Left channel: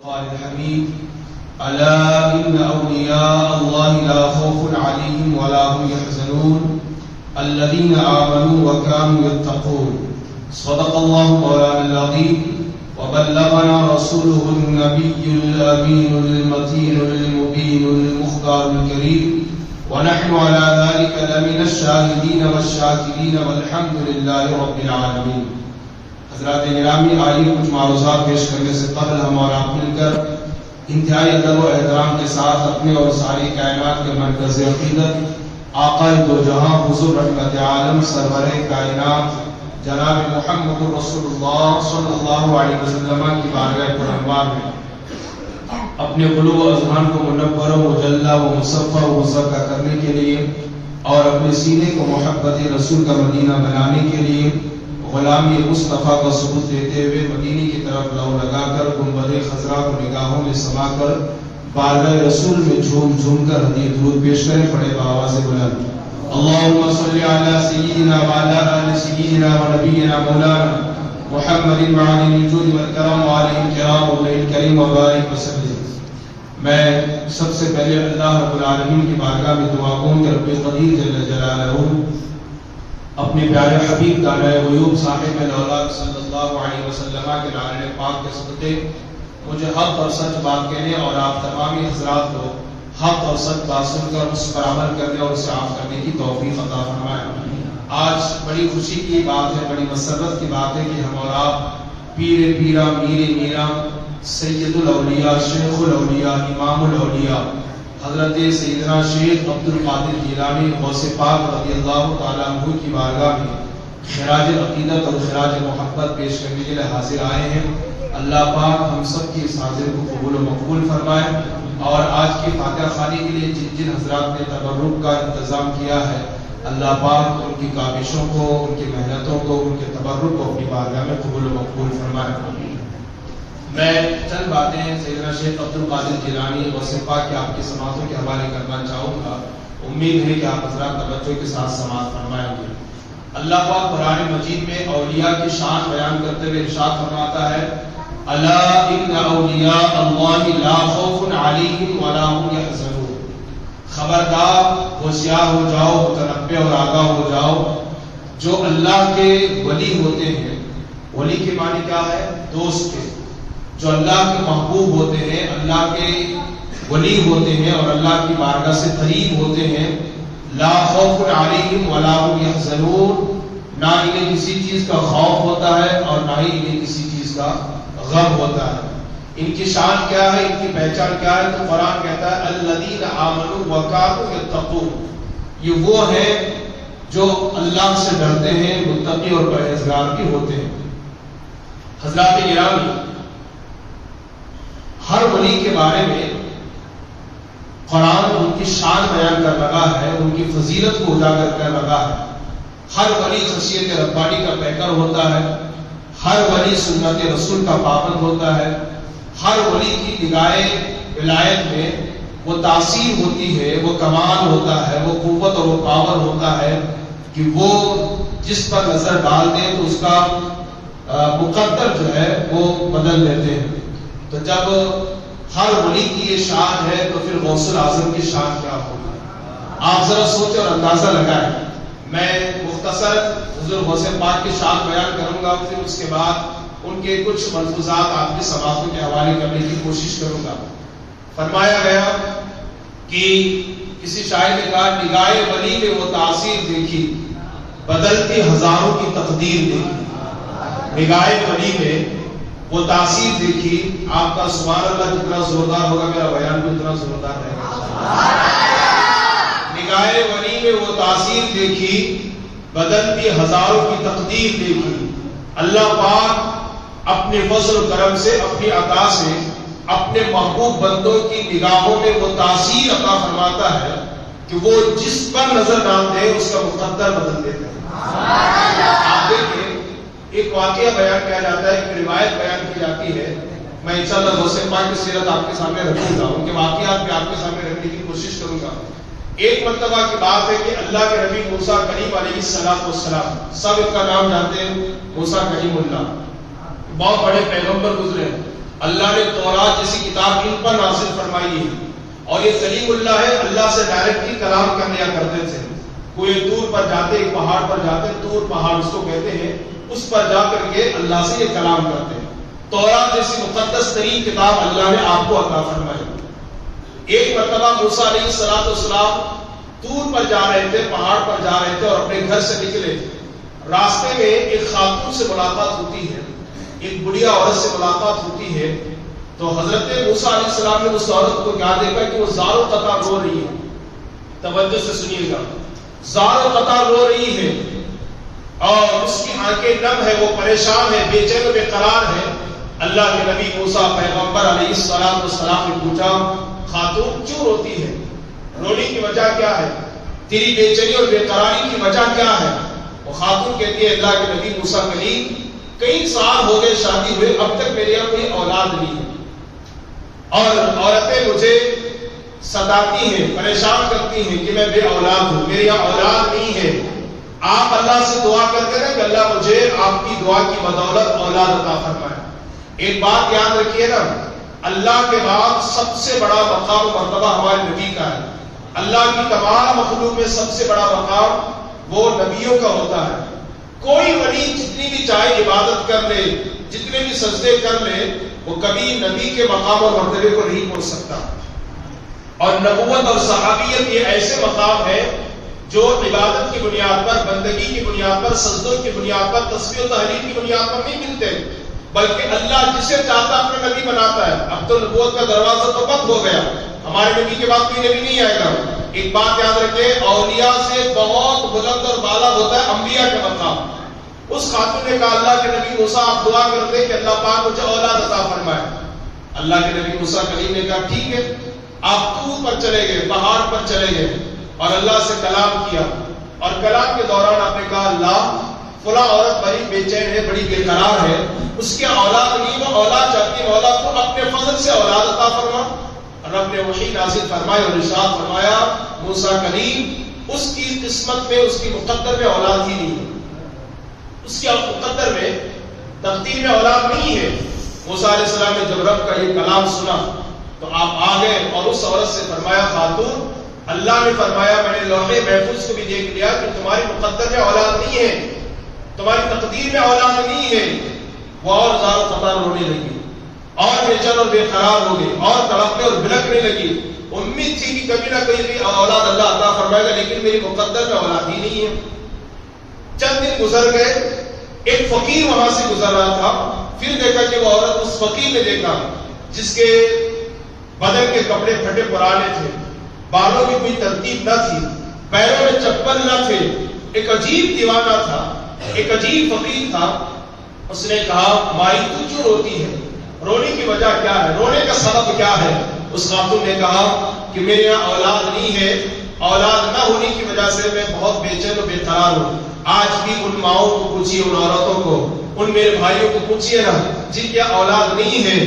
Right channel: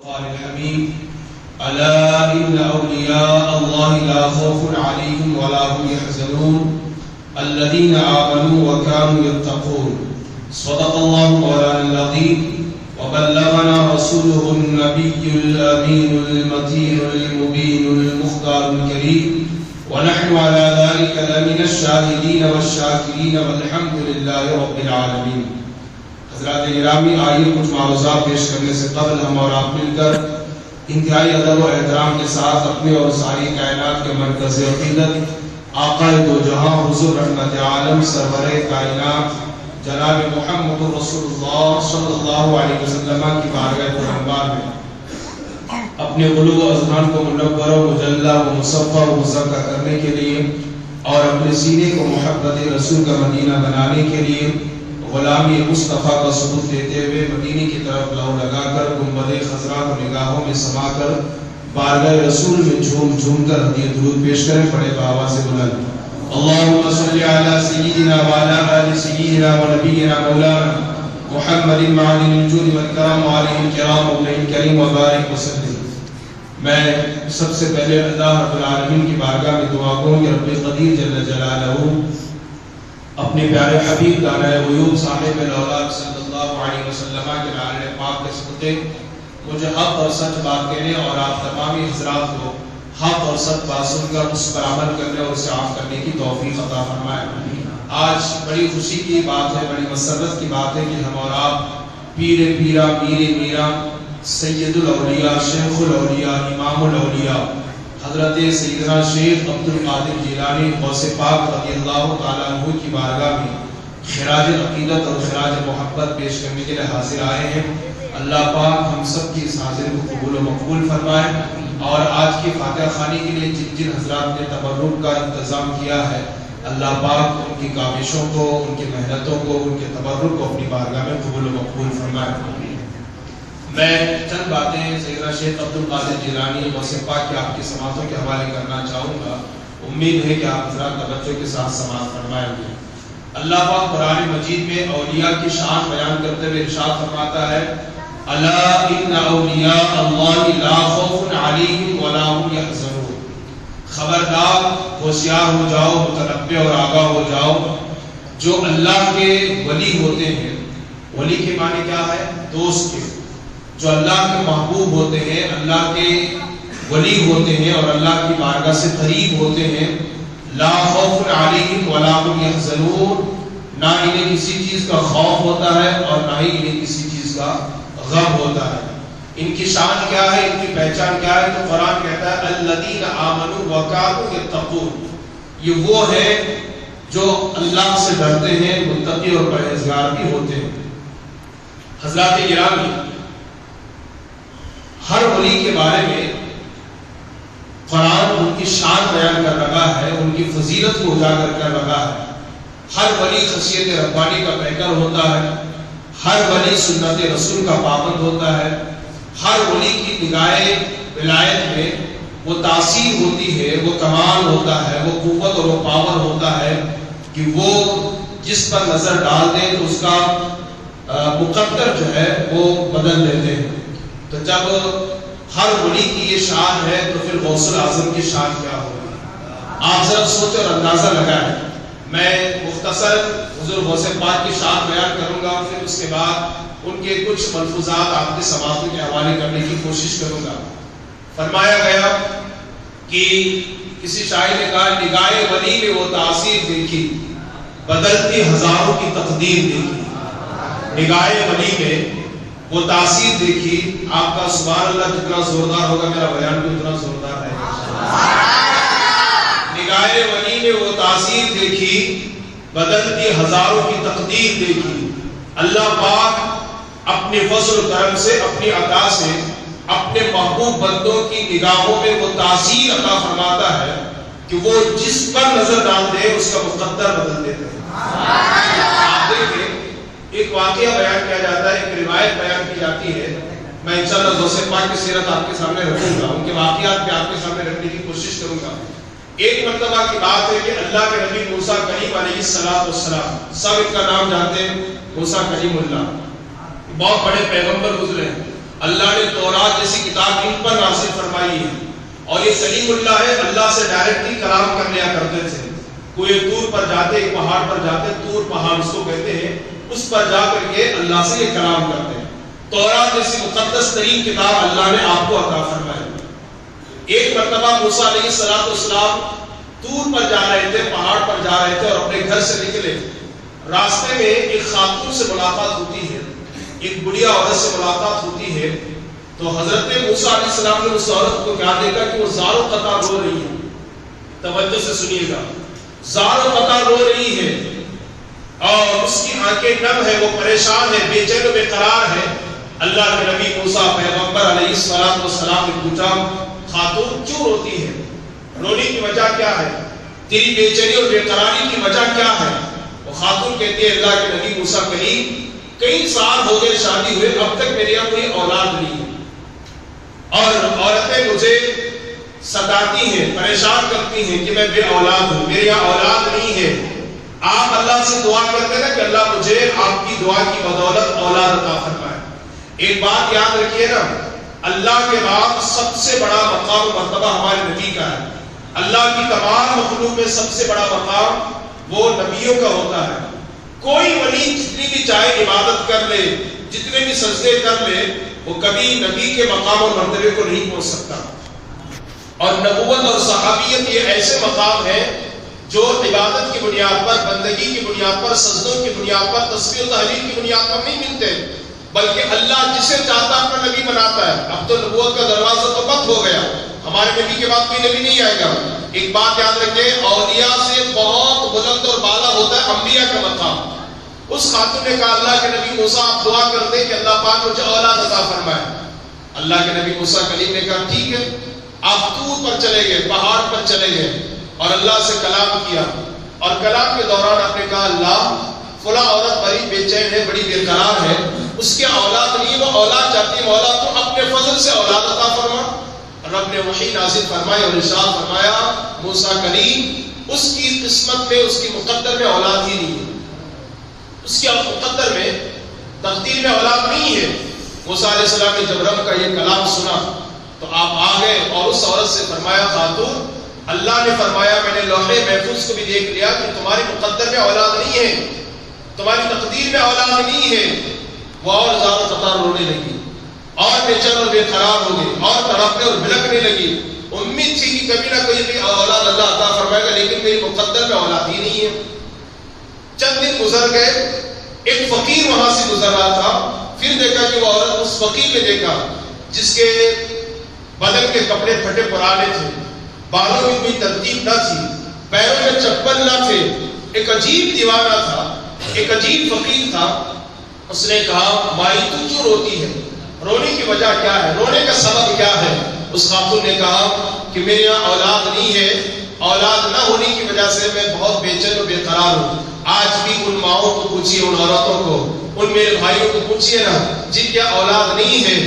قال الحميد ألا إن أولياء الله لا خوف عليهم ولا هم يحزنون الذين آمنوا وكانوا يتقون صدق الله مولانا العظيم وبلغنا رسوله النبي الأمين المتين المبين المختار الكريم ونحن على ذلك لمن الشاهدين والشاكرين والحمد لله رب العالمين. حضرات گرامی، آئیے کچھ معروضات پیش کرنے سے قبل ہم اور آپ مل کر انتہائی ادب و احترام کے ساتھ اپنے اور ساری کائنات کے مرکز عقیدت آقا دو جہاں حضور رحمت عالم سرور کائنات جناب محمد رسول اللہ صلی اللہ علیہ وسلم کی بارگاہ پیغمبر میں اپنے قلوب و اذہان کو منور و مجلہ و مصفہ و مزکہ کرنے کے لیے اور اپنے سینے کو محبت رسول کا مدینہ بنانے کے لیے غلامی مصطفیٰ کا ثبوت دیتے ہوئے مدینے کی طرف لو لگا کر گنبد خضرا کو نگاہوں میں سما کر بارگاہ رسول میں جھوم جھوم کر ہدیہ درود پیش کریں. پڑے بآواز بلند اللهم صل على سيدنا وعلى آل سيدنا ونبينا مولانا محمد معالي الجود والكرم وعليه الكرام وابن الكريم وبارك وسلم. میں سب سے پہلے اللہ رب العالمین کی بارگاہ میں دعا کروں کہ رب قدیر جل جلالہ اپنے پیارے حبیب دانہ غیوب صاحب الاولاد صلی اللہ علیہ وسلم کے نعرہ پاک کے صدقے مجھے حق اور سچ بات کہنے اور آپ تمامی حضرات کو حق اور سچ بات سن کر اس پر عمل کرنے اور اسے عام کرنے کی توفیق عطا فرمائے. آج بڑی خوشی کی بات ہے، بڑی مسرت کی بات ہے کہ ہم اور آپ پیر پیرا میر میرا سید الاولیاء شیخ الاولیاء امام الاولیاء حضرت سیدنا شیخ عبد القادر جیلانی غوث پاک رضی اللہ تعالیٰ عنہ کی بارگاہ میں خراج عقیدت اور خراج محبت پیش کرنے کے لیے حاضر آئے ہیں. اللہ پاک ہم سب کی اس حاضری کو قبول و مقبول فرمائے اور آج کی فاتحہ خوانی کے لیے جن جن حضرات نے تبرک کا انتظام کیا ہے اللہ پاک ان کی کاوشوں کو، ان کی محنتوں کو، ان کے تبرک کو اپنی بارگاہ میں قبول و مقبول فرمائے. میں چند باتیں سیدنا شیخ عبد القادر جیلانی غوث پاک کے آپ کی سماعتوں کے حوالے کرنا چاہوں گا. امید ہے کہ آپ حضرات توجہ کے ساتھ سماعت فرمائیں گے. اللہ پاک قرآن مجید میں اولیاء کی شان بیان کرتے ہوئے ارشاد فرماتا ہے الا ان اولیاء اللہ لا خوف علیہم ولا هم یحزنون. خبردار، ہوشیار ہو جاؤ، متنبہ اور آگاہ ہو جاؤ. جو اللہ کے ولی ہوتے ہیں، ولی کے معنی کیا ہے؟ دوست کے. جو اللہ کے محبوب ہوتے ہیں، اللہ کے ولی ہوتے ہیں اور اللہ کی بارگاہ سے قریب ہوتے ہیں، لا خوف علیہم ولا هم یحزنون، نہ انہیں کسی چیز کا خوف ہوتا ہے اور نہ ہی انہیں کسی چیز کا غم ہوتا ہے. ان کی شان کیا ہے، ان کی پہچان کیا ہے؟ تو قرآن کہتا ہے الذین آمنوا وکانوا یتقون. یہ وہ ہے جو اللہ سے ڈرتے ہیں، متقی اور پرہیزگار بھی ہوتے ہیں. حضرات گرامی، ہر ولی کے بارے میں قرآن ان کی شان بیان کر رہا ہے، ان کی فضیلت کو اجاگر کر رہا ہے. ہر ولی خشیت ربانی کا پیکر ہوتا ہے، ہر ولی سنت رسول کا پابند ہوتا ہے. ہر ولی کی نگاہ ولایت میں وہ تاثیر ہوتی ہے، وہ کمال ہوتا ہے، وہ قوت اور وہ پاور ہوتا ہے کہ وہ جس پر نظر ڈال دیں تو اس کا مقدر جو ہے وہ بدل دیتے ہیں. تو جب ہر ولی کی یہ شان ہے تو پھر غوث الاعظم کی شان کیا ہوگی؟ آپ ذرا سوچیں اور اندازہ لگائیں. میں مختصر حضور غوث پاک کی شان بیان کروں گا، پھر اس کے بعد ان کے کچھ ملفوظات آپ کے سماعتوں کے حوالے کرنے کی کوشش کروں گا. فرمایا گیا کہ کسی شاعر نے کہا نگاہ ولی میں وہ تاثیر دیکھی، بدلتی ہزاروں کی تقدیر دیکھی. نگاہ ولی میں وہ تاثیر دیکھی. آپ کا سبحان اللہ جتنا زوردار ہوگا میرا بیان بھی اتنا زوردار رہے گا. نگاہ ولی میں وہ تاثیر دیکھی، بدلتی ہزاروں کی تقدیر دیکھی. اللہ پاک اپنے فضل و کرم سے، اپنی عطا سے اپنے محبوب بندوں کی نگاہوں میں وہ تاثیر عطا فرماتا ہے کہ وہ جس پر نظر ڈال دے اس کا مقدر بدل دیتے ہیں. آپ دیکھیں، ایک واقعہ بیان کیا جاتا ہے، ایک روایت بیان کی جاتی ہے. میں انشاءاللہ غوث پاک کی سیرت آپ کے سامنے رکھوں گا، ان کے واقعات بھی آپ کے سامنے رکھنے کی کوشش کروں گا. ایک مرتبہ کی بات ہے کہ اللہ کے نبی موسیٰ کلیم علیہ السلام، سب ان کا نام جانتے ہیں، موسیٰ کلیم اللہ، بہت بڑے پیغمبر گزرے. اللہ نے تورات جیسی ان پر نازل فرمائی ہے. اور یہ کلیم اللہ ہے, اللہ سے ڈائریکٹلی کلام کر لیا کرتے تھے. کوئی طور پر جاتے, ایک پہاڑ پر جاتے, طور پہاڑ اس کو کہتے ہیں, اس پر جا کر کے اللہ سے یہ کلام کرتے ہیں. تورات جیسی مقدس ترین کتاب اللہ نے آپ کو عطا فرمائی. ایک مرتبہ موسیٰ علیہ السلام طور پر جا رہے تھے, پہاڑ پر جا رہے تھے اور اپنے گھر سے نکلے. راستے میں ایک خاتون سے ملاقات ہوتی ہے, ایک بڑھیا عورت سے ملاقات ہوتی ہے. تو حضرت موسیٰ علیہ السلام نے اس عورت کو کیا دیکھا کہ وہ زار و قطع رو رہی ہے. توجہ سے سنیے گا, زار و قطع رو رہی ہے اور اس کی آنکھیں نم ہے, وہ پریشان ہے, بے چین و بے قرار ہے. اللہ کے نبی موسیٰ پیغمبر علیہ السلام نے پوچھا, خاتون کیوں روتی ہے, رونے کی وجہ کیا ہے, تیری بے چینی اور بے قراری کی وجہ کیا ہے؟ وہ خاتون کہتی ہے, اللہ کے نبی موسیٰ کریم, کئی سال ہو گئے شادی ہوئے, اب تک میرے یہاں کوئی اولاد نہیں ہے اور عورتیں مجھے ستاتی ہیں, پریشان کرتی ہیں کہ میں بے اولاد ہوں, میرے یہاں اولاد نہیں ہے. آپ اللہ سے دعا کرتے ہیں کہ اللہ مجھے آپ کی دعا کی بدولت اولاد عطا فرمائے. ایک بات یاد رکھیے نا, اللہ کے بعد سب سے بڑا مقام و مرتبہ ہمارے نبی کا ہے. اللہ کی تمام مخلوق میں سب سے بڑا مقام وہ نبیوں کا ہوتا ہے. کوئی ولی جتنی بھی چاہے عبادت کر لے, جتنے بھی سجدے کر لے, وہ کبھی نبی کے مقام اور مرتبے کو نہیں پہنچ سکتا. اور نبوت اور صحابیت یہ ایسے مقام ہے جو عبادت کی بنیاد پر, بندگی کی بنیاد پر, سجدوں کی بنیاد پر, تسبیح و تحلیل کی بنیاد پر نہیں ملتے, بلکہ اللہ جسے چاہتا اپنا نبی بناتا ہے. اب تو نبوت کا دروازہ تو بند ہو گیا, ہمارے نبی کے بعد کوئی نبی نہیں آئے گا. ایک بات یاد رکھیں, اولیاء سے بہت بلند اور بالا ہوتا ہے انبیاء کا مقام. اس خاتون نے کہا, اللہ کے نبی موسیٰ آپ دعا کر دیں کہ اللہ پاک مجھے اولاد عطا فرمائے. اللہ کے نبی موسیٰ کلیم نے کہا ٹھیک ہے. آپ طور پر چلے گئے, پہاڑ پر چلے گئے اور اللہ سے کلام کیا. اور کلام کے دوران آپ نے کہا, اللہ فلاں عورت بڑی بے چین ہے, بڑی بے قرار ہے, اس کے اولاد نہیں, وہ اولاد چاہتی ہے, مولا تو اپنے فضل سے اولاد عطا فرما. رب نے وحی نازل فرمائی اور ارشاد فرمایا, موسیٰ کلیم اس کی قسمت میں, اس کی مقدر میں اولاد ہی نہیں ہے, اس کے مقدر میں, تقدیر میں اولاد نہیں ہے. موسیٰ علیہ السلام نے جب رب کا یہ کلام سنا تو آپ آ گئے اور اس عورت سے فرمایا, خاتون اللہ نے فرمایا, میں نے لوح محفوظ کو بھی دیکھ لیا کہ تمہاری مقدر میں اولاد نہیں ہے, تمہاری تقدیر میں اولاد نہیں ہے. وہ اور زار و قطار رونے لگی اور بے چین اور بے قرار ہو گئی اور تڑپنے اور بھڑکنے لگی. امید تھی کہ کبھی نہ کبھی بھی اولاد اللہ عطا فرمائے گا, لیکن میری مقدر میں اولاد ہی نہیں ہے. چند دن گزر گئے, ایک فقیر وہاں سے گزر رہا تھا. پھر دیکھا کہ وہ عورت, اس فقیر نے دیکھا جس کے بدن کے کپڑے پھٹے پرانے تھے, بالوں میں کوئی ترتیب نہ تھی, پیروں میں چپل نہ تھے, ایک عجیب دیوانہ تھا, ایک عجیب فقیر تھا. اس نے کہا, مائی تو کیوں روتی ہے, رونے کی وجہ کیا ہے, رونے کا سبب کیا ہے؟ اس خاتون نے کہا کہ میرے یہاں اولاد نہیں ہے, اولاد نہ ہونے کی وجہ سے میں بہت بے چین و بے قرار ہوں. آج بھی ان ماؤں کو پوچھیے, ان عورتوں کو, ان میرے بھائیوں کو پوچھیے نا جن کے اولاد نہیں ہے,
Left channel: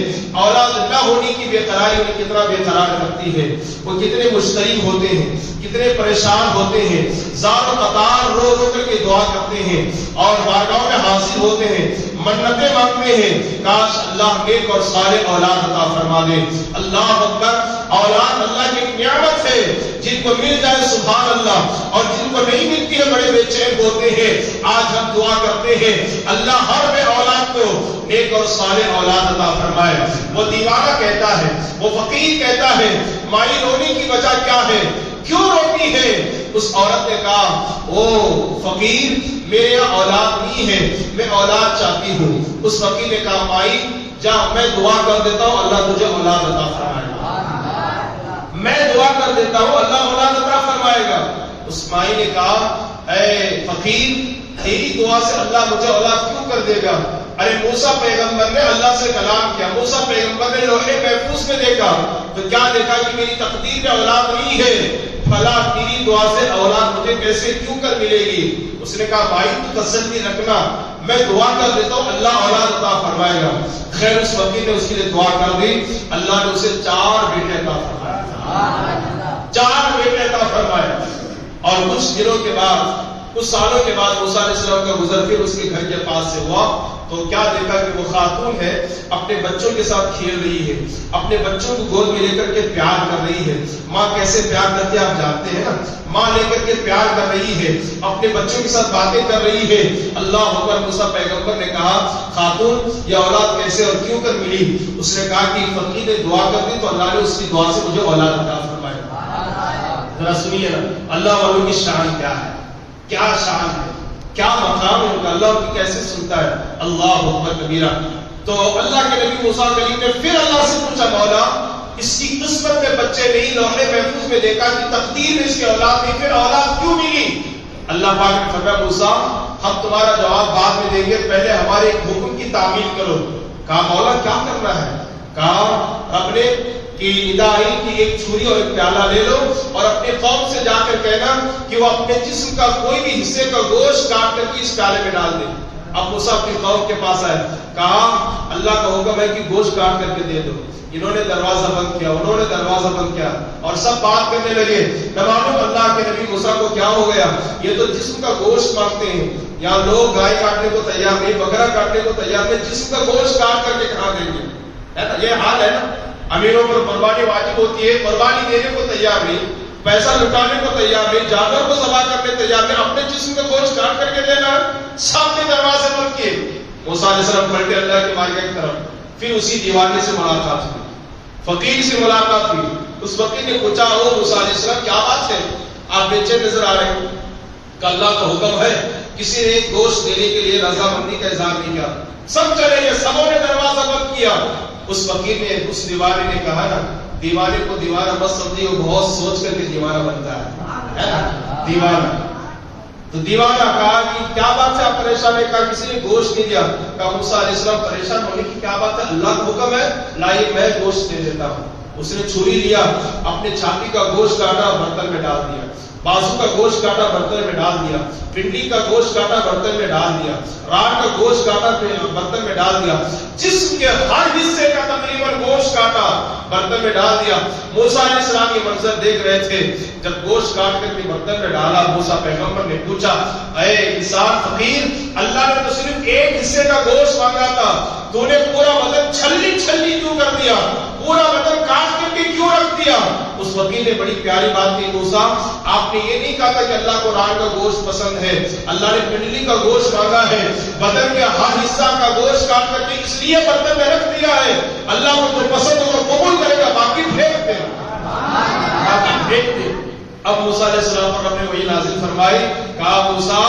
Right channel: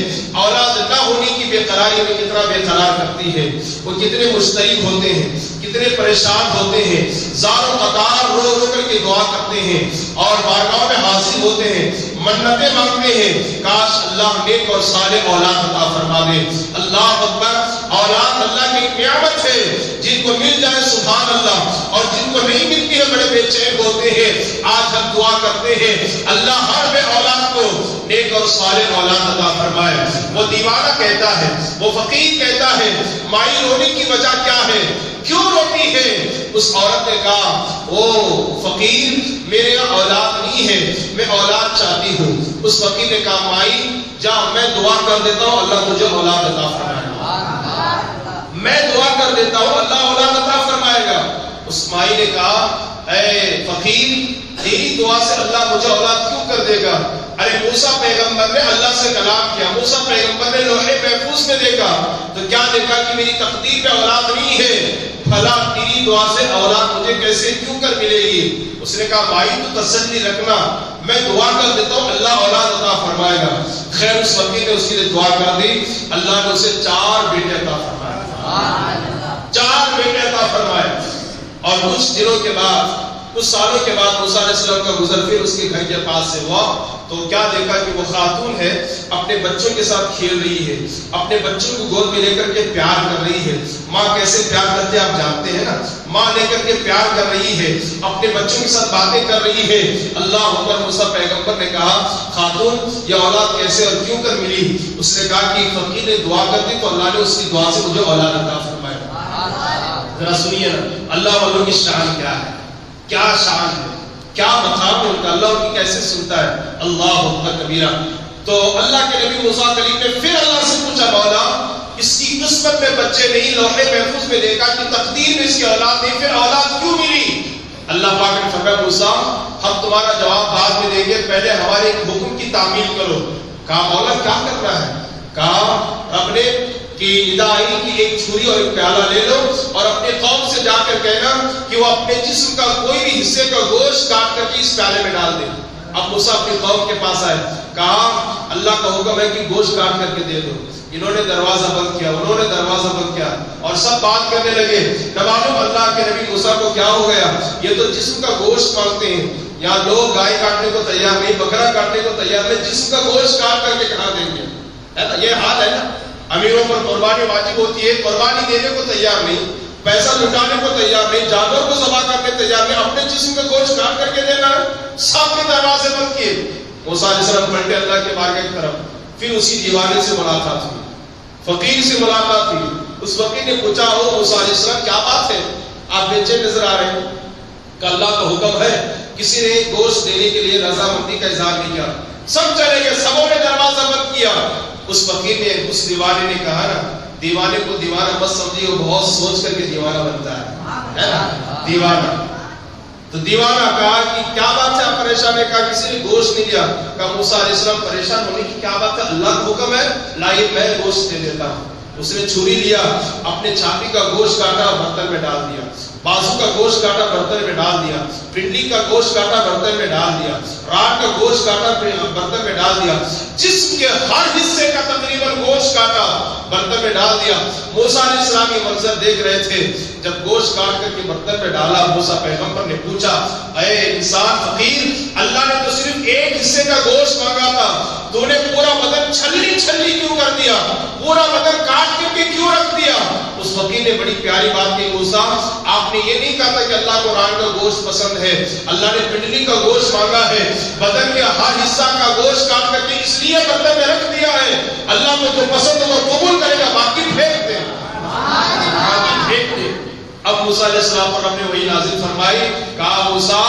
اولاد نہ ہونے کی بے قراری میں کتنا بے قرار کرتی ہے, وہ کتنے مشترک ہوتے ہیں, کتنے پریشان ہوتے ہیں, زار و قطار رو رو کر کے دعا کرتے ہیں اور بارگاہوں میں حاضر ہوتے ہیں, منتیں مانگتے ہیں, کاش اللہ نیک اور صالح اولاد عطا فرما دے. اللہ اکبر. اولاد اللہ کی ایک نعمت ہے, جن کو مل جائے سبحان اللہ, اور جن کو نہیں ملتی ہے بڑے بے چین ہوتے ہیں. آج ہم دعا کرتے ہیں اللہ ہر بے اولاد کو نیک اور صالح اولاد عطا فرمائے. وہ دیوانہ کہتا ہے, وہ فقیر کہتا ہے, مائی رونے کی وجہ کیا ہے, کیوں روتی ہے؟ اس عورت نے کہا, او فقیر میرے یہاں اولاد نہیں ہے, میں اولاد چاہتی ہوں. اس فقیر نے کہا, مائی جا, میں دعا کر دیتا ہوں اللہ تجھے اولاد عطا فرمائے گا, میں دعا کر دیتا ہوں اللہ اولاد عطا فرمائے گا. اس مائی نے کہا, اے فقیر تیری دعا سے اللہ مجھے اولاد کیوں کر دے گا؟ ارے موسیٰ پیغمبر نے اللہ سے کلام کیا, موسیٰ پیغمبر نے لوح محفوظ میں دیکھا تو کیا دیکھا کہ میری تقدیر میں اولاد نہیں ہے, بھلا تیری دعا سے اولاد مجھے کیسے کیوں کر ملے گی؟ اس نے کہا, بھائی تو تسلی رکھنا, میں دعا کر دیتا ہوں اللہ اولاد عطا فرمائے گا. خیر اس فقیر نے اس کے لیے دعا کر دی, اللہ نے اسے 4 بیٹے عطا فرمائے, 4 بیٹے عطا فرمائے. اور کچھ دنوں کے بعد, کچھ سالوں کے بعد موسیٰ علیہ السلام کا گزر پھر اس کے گھر کے پاس سے ہوا تو کیا دیکھا کہ وہ خاتون ہے اپنے بچوں کے ساتھ کھیل رہی ہے، اپنے بچوں کو گود میں لے کر کے پیار کر رہی ہے. ماں کیسے پیار کرتے آپ جانتے ہیں نا. ماں لے کر کے پیار کر رہی ہے، اپنے بچوں کے ساتھ باتیں کر رہی ہے. اللہ اکبر. موسیٰ پیغمبر نے کہا خاتون یہ اولاد کیسے اور کیوں کر ملی؟ اس نے کہا کہ فقیر نے دعا کر دی تو اللہ نے اس کی دعا سے مجھے اولاد عطا فرمائی. ذرا سنیے نا اللہ والوں کی شان کیا ہے، کیا شان ہے، کیا مقام ہے ان کا. اللہ ان کی کیسے سنتا ہے. اللہ اکبر کبیرہ. تو اللہ کے نبی موسیٰ کلیم نے پھر اللہ سے پوچھا مولا اس کی قسمت میں بچے نہیں، لوح محفوظ میں دیکھا کہ تقدیر میں اس کی اولاد نہیں، پھر اولاد کیوں ملی؟ اللہ پاک نے فرمایا موسیٰ ہم تمہارا جواب بعد میں دیں گے، پہلے ہمارے ایک حکم کی تعمیل کرو. کہا مولا کیا کرنا ہے؟ کہا رب نے کہ ندا آئی کہ ایک چھری اور ایک پیالہ لے لو اور اپنے قوم سے جا کر کہنا کہ وہ اپنے جسم کا کوئی بھی حصے کا گوشت کاٹ کر کے اس پیالے میں ڈال دے. اب موسیٰ اپنی قوم کے پاس آئے، کہا اللہ کا حکم ہے کہ گوشت کاٹ کر کے دے دو. انہوں نے دروازہ بند کیا، انہوں نے دروازہ بند کیا اور سب بات کرنے لگے. نمالم اللہ کے نبی موسیٰ کو کیا ہو گیا، یہ تو جسم کا گوشت مانگتے ہیں. یہاں لوگ گائے کاٹنے کو تیار نہیں، بکرا کاٹنے کو تیار نہیں، جسم کا گوشت کاٹ کر کے کہاں دیں گے؟ ہے نا یہ حال ہے نا. امیروں پر قربانی واجب ہوتی ہے، قربانی دینے کو تیار نہیں، پیسہ لٹانے کو تیار نہیں، جانور کو ذبح کرنے تیار نہیں، اپنے جسم کا گوشت کاٹ کر کے دینا ہے. سب نے دروازے بند کیے. موسیٰ علیہ السلام پلٹے اللہ کے بارگاہ کی طرف. پھر اسی دیوانے سے ملاقات ہوئی، فقیر سے ملاقات ہوئی. اس فقیر نے پوچھا او موسیٰ علیہ السلام کیا بات ہے، آپ بے چین نظر آ رہے ہیں؟ کہ اللہ کا حکم ہے. کسی نے گوشت دینے کے لیے رضامندی کا اظہار نہیں کیا، سب چلے گئے، سبوں نے دروازہ بند کیا. اس فقیر نے، اس دیوانے نے کہا نا دیوانے کو دیوانہ مت سمجھیے، وہ بہت سوچ کر کے دیوانہ بنتا ہے نا دیوانہ. تو دیوانہ کہا کہ کیا بات ہے آپ پریشان ہے؟ کہا کسی نے گوشت نہیں دیا. کہا موسیٰ علیہ السلام پریشان ہونے کی کیا بات ہے، اللہ کا حکم ہے لائیے میں گوشت دے دیتا ہوں. اس نے چھری لیا، اپنے چھاتی کا گوشت کاٹا برتن میں ڈال دیا، بازو کا گوشت کاٹا برتن میں ڈال دیا، پنڈلی کا گوشت کاٹا برتن میں ڈال دیا، راٹ کا گوشت کاٹا برتن میں ڈال دیا، جسم کے ہر حصے کا تقریباً گوشت کاٹا برتن میں ڈال دیا. موسیٰ علیہ السلام یہ منظر دیکھ رہے تھے. جب گوشت کاٹ کر کے برتن میں ڈالا موسیٰ پیغمبر نے پوچھا اے انسان فقیر، اللہ نے تو صرف ایک حصے کا گوشت مانگا تھا، تو نے پورا بدن چھلی چھلی کیوں کر دیا، پورا بدن کاٹ کر کے کیوں رکھ دیا؟ اس فقیر نے بڑی پیاری بات کی موسیٰ آپ نے یہ نہیں کہا تھا کہ اللہ کو ران کا گوشت پسند ہے، اللہ نے پنڈلی کا گوشت مانگا ہے، بدن کے ہر حصہ کا گوشت کاٹ کر کے اس لیے برتن میں رکھ دیا ہے. اللہ کو جو پسند ہو تو قبول کرے گا، باقی پھینک دے، باقی پھینک دے. اب موسیٰ علیہ السلام پر ہم نے وہی نازل فرمائی. کہا موسیٰ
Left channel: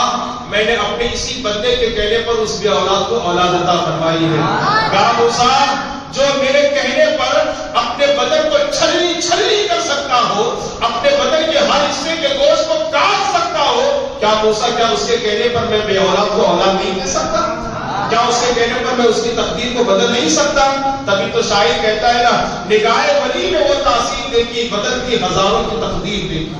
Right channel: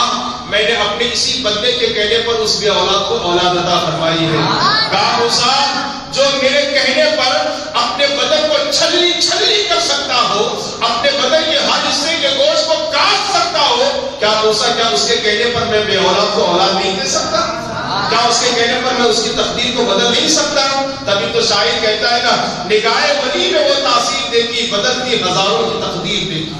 میں نے اپنے اسی بندے کے کہنے پر اس بھی اولاد کو اولاد عطا فرمائی ہے. کہا موسیٰ جو میرے کہنے پر اپنے بدن کو چھلی چھلی کر سکتا ہو، اپنے بدن کے ہر حصے کے گوشت کو کاٹ سکتا ہو، کیا موسیٰ کیا اس کے کہنے پر میں بے اولاد کو اولاد نہیں دے سکتا؟ کیا اس کے کہنے پر میں اس کی تقدیر کو بدل نہیں سکتا؟ تبھی تو شاعر کہتا ہے نا نگاہ ولی میں وہ تاثیر دیکھی بدلتی ہزاروں کی تقدیر دیکھی.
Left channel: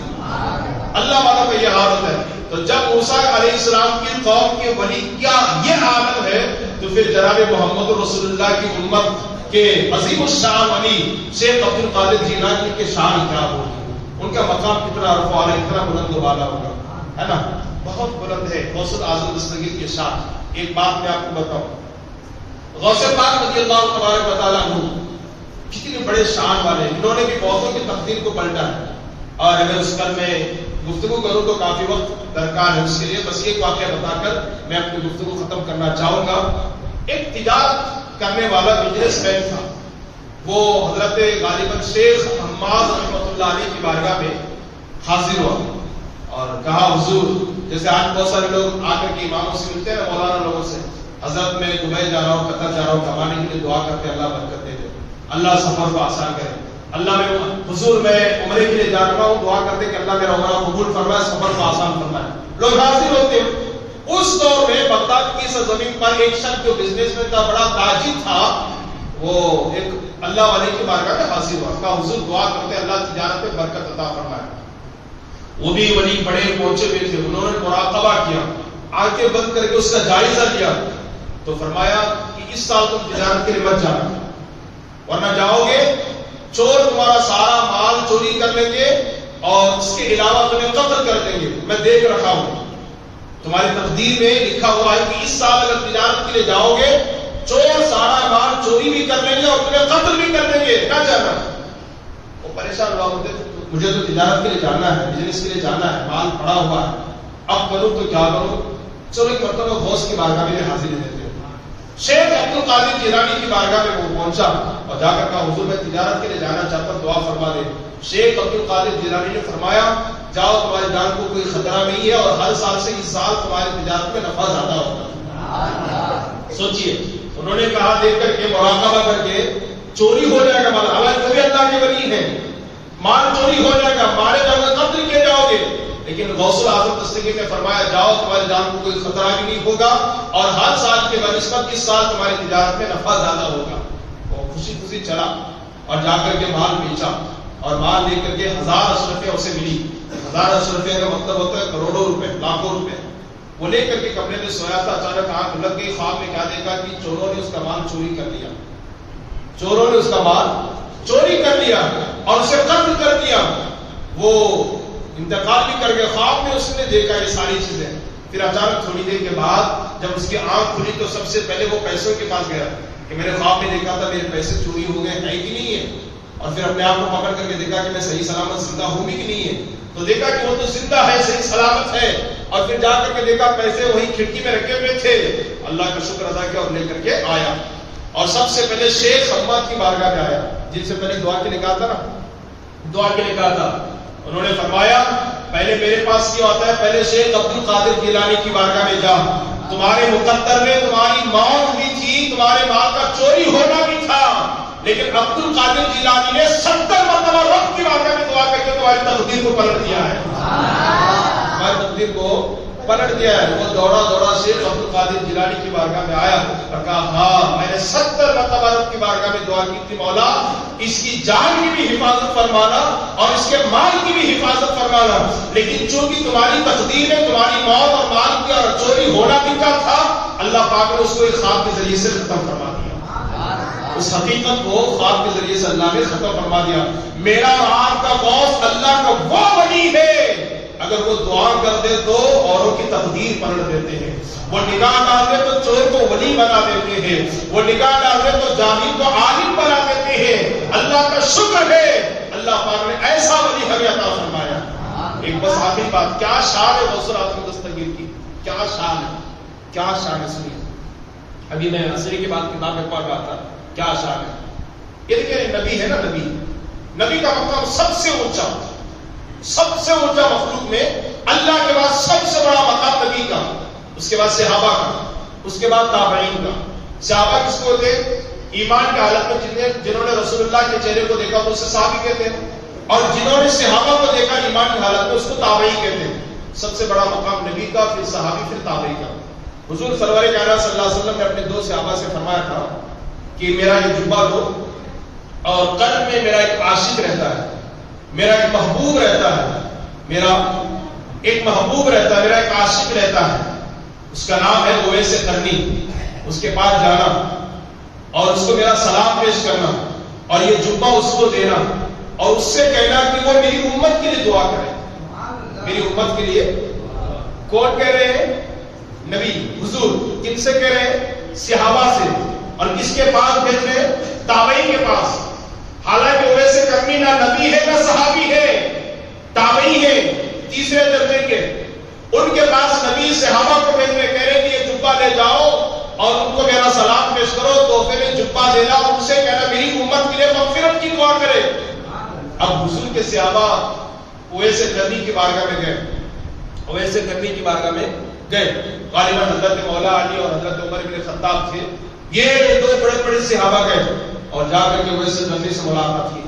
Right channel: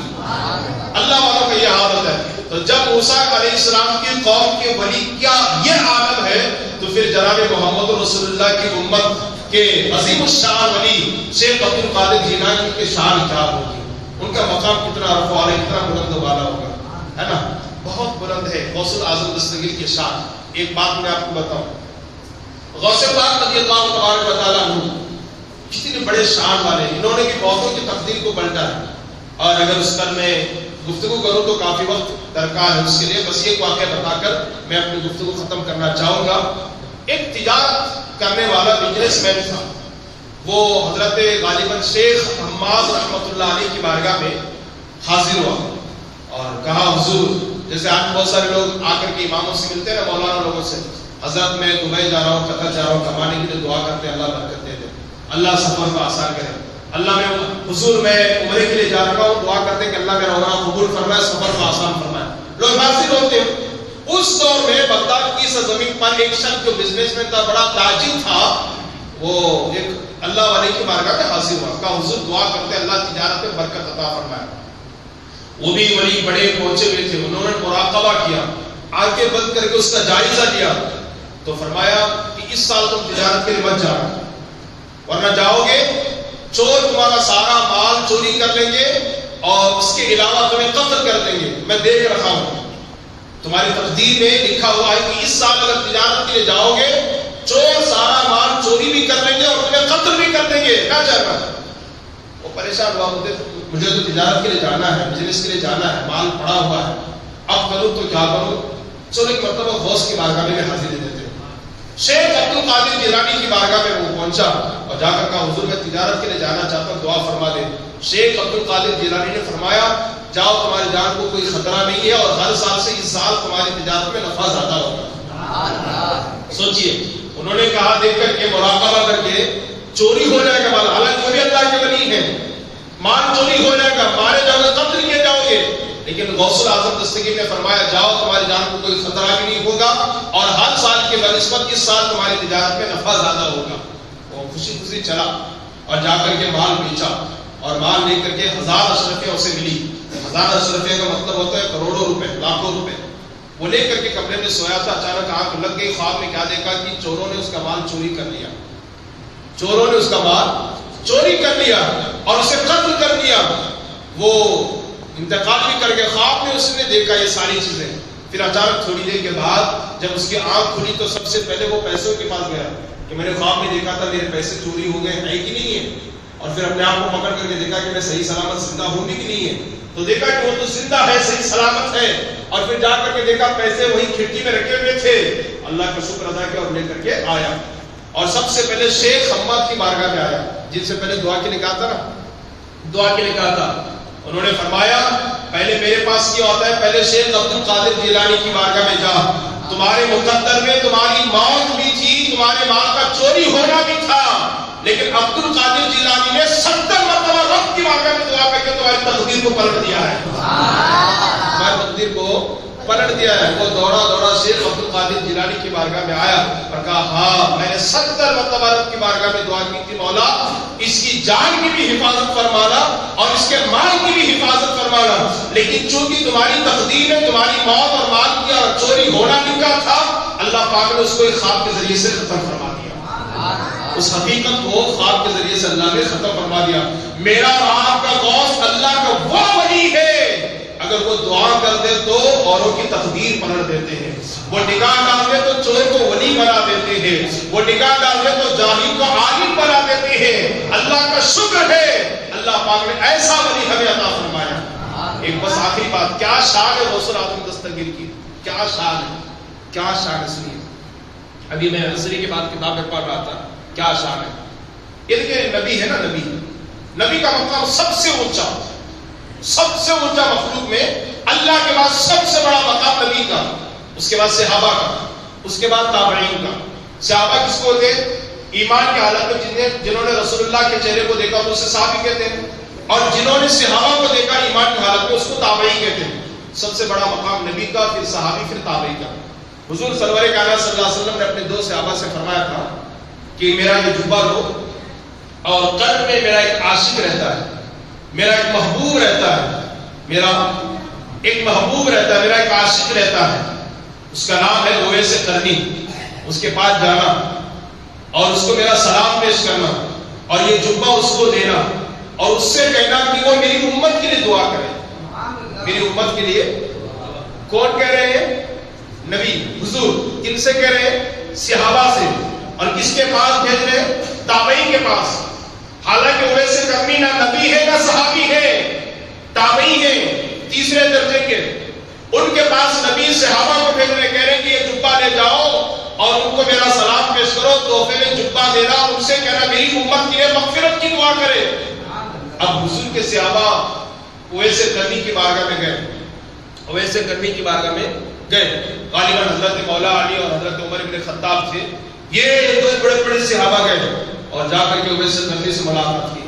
اللہ والوں کا یہ حالت ہے. تو جب موسیٰ علیہ السلام کی قوم کے ولی کیا یہ عالم ہے تو پھر جناب محمد رسول اللہ کی امت کے عظیم الشان ولی شیخ عبد القادر جیلانی کے شان کیا ہوگی، ان کا مقام کتنا رفع ہے، کتنا بلند و بالا ہوگا، ہے نا بہت بلند ہے. غوث الاعظم دستگیر کے شان. ایک بات میں آپ کو بتاؤں، غوث پاک رضی اللہ تبارک و تعالیٰ عنہ کتنے بڑے شان والے، انہوں نے بھی بہتوں کی تقدیر کو پلٹا ہے. اور اگر اس پر میں گفتگو کروں تو کافی وقت درکار ہے، اس کے لیے بس ایک واقعہ بتا کر میں اپنی گفتگو ختم کرنا چاہوں گا. ایک تجارت کرنے والا بزنس مین تھا، وہ حضرت غالباً شیخ حماد رحمۃ اللہ علیہ کی بارگاہ میں حاضر ہوا اور کہا حضور، جیسے آج بہت سارے لوگ آ کر کے اماموں سے ملتے ہیں نا، مولانا لوگوں سے، حضرت میں دبئی جا رہا ہوں، قطر جا رہا ہوں، کمانے کے لیے دعا کرتے ہیں اللہ برکت دے دے، اللہ سفر کو آسان کرے. اللہ میں حضور میں عمرے کے لیے جا رہا ہوں، دعا کرتے ہیں کہ اللہ میرا عمرہ قبول فرمائے، سفر کو آسان فرمائے. لوگ حاضر ہوتے ہیں. اس دور میں بغداد کی سرزمین پر ایک شخص جو بزنس مین تھا، بڑا تاجر تھا، وہ ایک اللہ والے کی بارگاہ میں حاضر ہوا. کہا حضور دعا کرتے ہیں اللہ تجارت میں برکت عطا فرمائے. وہ بھی ولی بڑے پہنچے ہوئے تھے، انہوں نے مراقبہ کیا، آنکھیں بند کر کے اس کا جائزہ لیا تو فرمایا کہ اس سال تم تجارت کے لیے مت جانا، ورنہ جاؤ گے چور تمہارا سارا مال چوری کر لیں گے اور اس کے علاوہ تمہیں قتل کر دیں گے، میں دیکھ رکھا ہوں. تمہاری تقدیر میں لکھا ہوا ہے کہ اس سال اگر تجارت کے لیے جاؤ گے چور سارا مال چوری بھی کر لیں گے اور تمہیں قتل بھی کر لیں گے، کیا جانا؟ وہ پریشان ہوا ہوتے مجھے تو تجارت کے لیے جانا ہے، بزنس کے لیے جانا ہے، مال پڑا ہوا ہے، اب کروں تو کیا کروں؟ چلو ایک مرتبہ غوث کی بارگاہ میں حاضری دیتے ہو۔ شیخ عبد القادر جیلانی کی بارگاہ میں وہ پہنچا اور جا کر کہا حضور میں تجارت کے لیے جانا چاہتا ہوں، دعا فرما دے۔ شیخ عبد القادر جیلانی نے فرمایا جاؤ تمہاری جان کو کوئی خطرہ نہیں ہے اور ہر سال سے اس سال تمہاری تجارت میں نفع زیادہ ہوگا۔ سوچئے انہوں نے کہا دیکھ کر کے مراقبہ کر کے چوری ہو جائے گا مال، حالانکہ وہ بھی اللہ کے ولی ہیں، مال چوری ہو جائے گا، مارے جاؤ گے، قتل کیے جاؤ گے، لیکن غوث الاعظم دستگیر نے فرمایا جاؤ تمہاری جان کو کوئی خطرہ بھی نہیں ہوگا اور ہر سال کے بنسبت اس سال تمہاری تجارت میں نفع زیادہ ہوگا۔ وہ خوشی خوشی چلا اور جا کر کے مال بیچا اور مال لے کر کے 1000 اشرفیہ اسے ملی۔ 1000 اشرفیہ کا مطلب ہوتا ہے کروڑوں روپے، لاکھوں روپے۔ وہ لے کر کے کمرے میں سویا تھا، اچانک آنکھ لگ گئی، خواب میں کیا دیکھا کہ چوروں نے اس کا مال چوری کر لیا، چوروں نے اس کا مال چوری کر لیا اور اسے قتل کر دیا۔ وہ انتقال بھی کر گیا، خواب میں اس نے دیکھا یہ ساری چیزیں۔ پھر اچانک تھوڑی دیر کے بعد جب اس کی آنکھ کھلی تو سب سے پہلے وہ پیسوں کے پاس گیا کہ میں نے خواب میں دیکھا تھا میرے پیسے چوری ہو گئے ہیں کہ نہیں ہے، اور پھر اپنے آپ کو پکڑ کر کے دیکھا کہ میں صحیح سلامت زندہ ہوں بھی کہ نہیں ہے، تو دیکھا کہ وہ تو زندہ ہے، صحیح سلامت ہے، اور پھر جا کر کے دیکھا پیسے وہی کھڑکی میں رکھے ہوئے تھے۔ اللہ کا شکر ادا کیا اور لے کر کے آیا اور سب سے پہلے شیخ حماد کی بارگاہ میں آیا، جن سے پہلے دعا کے لیے کہا تھا نا، دعا کے لیے کہا تھا۔ انہوں نے فرمایا پہلے میرے پاس کیا ہوتا ہے، پہلے شیخ عبد القادر جیلانی کی بارگاہ میں جا، تمہارے مقدر میں تمہاری موت بھی تھی، تمہارے مال کا چوری ہونا بھی تھا، لیکن عبد القادر جیلانی نے 70 مرتبہ رب کی بارگاہ میں دعا کر کے تمہاری تقدیر کو پلٹ دیا ہے، تمہاری تقدیر کو پلٹ دیا ہے۔ وہ دوڑا دوڑا شیخ عبد القادر جیلانی کی بارگاہ میں آیا اور کہا ہاں میں نے 70 مرتبہ رب کی بارگاہ میں دعا کی تھی، مولا اس کی جان کی بھی حفاظت فرمانا اور اس کے مال کی بھی حفاظت فرمانا، لیکن چونکہ تمہاری تقدیر میں تمہاری موت اور مال کی اور چوری ہونا لکھا تھا، اللہ پاک نے اس کو ایک خواب کے ذریعے سے ختم فرما دیا، اس حقیقت کو خواب کے ذریعے سے اللہ نے ختم فرما دیا۔ میرا آپ کا غوث اللہ کا وہ ولی ہے، اگر وہ دعا کر دے تو اوروں کی تقدیر پلٹ دیتے ہیں، وہ نگاہ ڈال دے تو چور کو ولی بنا دیتے ہیں، وہ نگاہ ڈال دے تو جاہل کو عالم بنا دیتے ہیں۔ اللہ کا شکر ہے اللہ پاک نے ایسا ولی ہمیں عطا فرمایا۔ ایک بس آخری بات، کیا شان ہے غوث الاعظم دستگیر کی، کیا شان ہے، کیا شان ہے، سنیے۔ ابھی میں عصری کے بعد کتاب میں پڑھ رہا تھا، کیا شان ہے۔ یہ دیکھیں نبی ہے نا، نبی کا مقام سب سے اونچا، سب سے اونچا مخلوق میں، اللہ کے بعد سب سے بڑا مقام نبی کا، اس کے بعد صحابہ کا، اس کے بعد تابعین کا۔ صحابہ کس کو تھے؟ ایمان کی حالت میں جنہوں نے رسول اللہ کے چہرے کو دیکھا تو اسے صحابی کہتے ہیں، اور جنہوں نے صحابہ کو دیکھا ایمان کی حالت میں اس کو تابعین کہتے ہیں۔ سب سے بڑا مقام نبی کا، پھر صحابی، پھر تابعی کا۔ حضور سرور کائنات صلی اللہ علیہ وسلم نے اپنے 2 صحابہ سے فرمایا تھا کہ میرا یہ جبہ لو اور قلب میں میرا ایک عاشق رہتا ہے، میرا ایک محبوب رہتا ہے، میرا ایک محبوب رہتا ہے، میرا ایک عاشق رہتا ہے، اس کا نام ہے اویس قرنی، اس کے پاس جانا اور اس کو میرا سلام پیش کرنا اور یہ جبہ اس کو دینا اور اس سے کہنا کہ وہ میری امت کے لیے دعا کرے، میری امت کے لیے۔ کون کہہ رہے ہیں؟ نبی، حضور۔ کن سے کہہ رہے ہیں؟ صحابہ سے۔ اور کس کے پاس بھیج رہے ہیں؟ تابعین کے پاس۔ حالانکہ اویس قرنی نہ نبی ہے نہ صحابی ہے، تابعی ہے، تیسرے درجے کے۔ ان کے پاس نبی صحابہ کو بھیج رہے، کہہ رہے کہ یہ جبہ لے جاؤ اور ان کو میرا سلام پیش کرو، تحفے میں جبہ دینا، ان سے کہنا میری امت کے لیے مغفرت کی دعا کرے۔ اب حضور کے صحابہ اویس قرنی کی بارگاہ میں گئے، اویس قرنی کی بارگاہ میں گئے، غالباً حضرت مولا علی اور حضرت عمر بن خطاب تھے، یہ 2 بڑے بڑے صحابہ گئے اور جا کر کے اویس قرنی سے ملاقات کی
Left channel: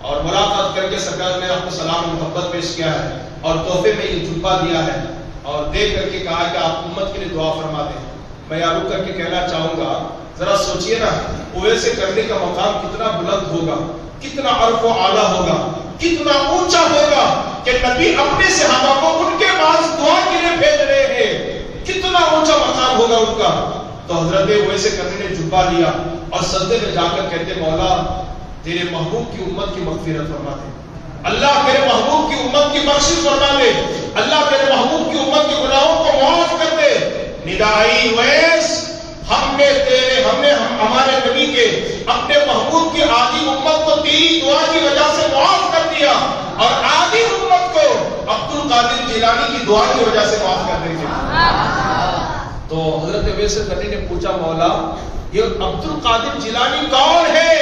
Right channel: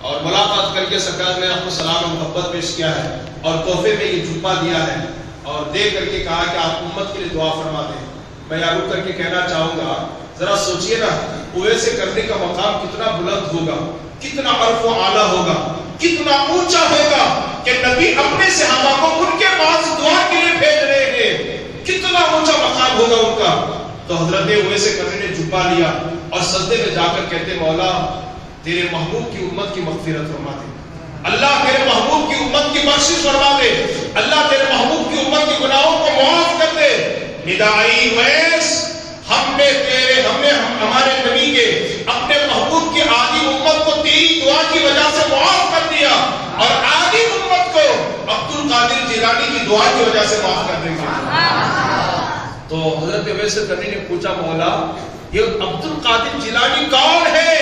اور ملاقات کر کے سرکار نے آپ کو سلام محبت پیش کیا ہے اور تحفے میں یہ جبہ دیا ہے اور دے کر کے کہا کہ آپ امت کے لیے دعا فرما دیں۔ میں یہاں رک کر کے کہنا چاہوں گا، ذرا سوچئے نا، اویس قرنی کا مقام کتنا بلند ہوگا، کتنا عرف و اعلیٰ ہوگا، کتنا اونچا ہوگا کہ نبی اپنے صحابہ کو ان کے پاس دعا کے لیے بھیج رہے ہیں، کتنا اونچا مقام ہوگا ان کا۔ تو حضرت اویس قرنی نے جبہ لیا اور سجدے میں جا کر کہتے مولا تیرے محبوب کی امت کی مغفرت فرما دے، اللہ تیرے محبوب کی امت کی بخشش فرما دے، اللہ تیرے محبوب کی امت کے گناہوں کو معاف کر دے۔ ندائی ویس ہمارے نبی کے اپنے محبوب کی آدھی امت کو تیری دعا کی وجہ سے معاف کر دیا، اور آدھی امت کو عبد القادر جیلانی کی دعا کی وجہ سے معاف کر دیں گے۔ تو حضرت اویس قرنی نے پوچھا مولا یہ عبد القادر جیلانی کون ہے؟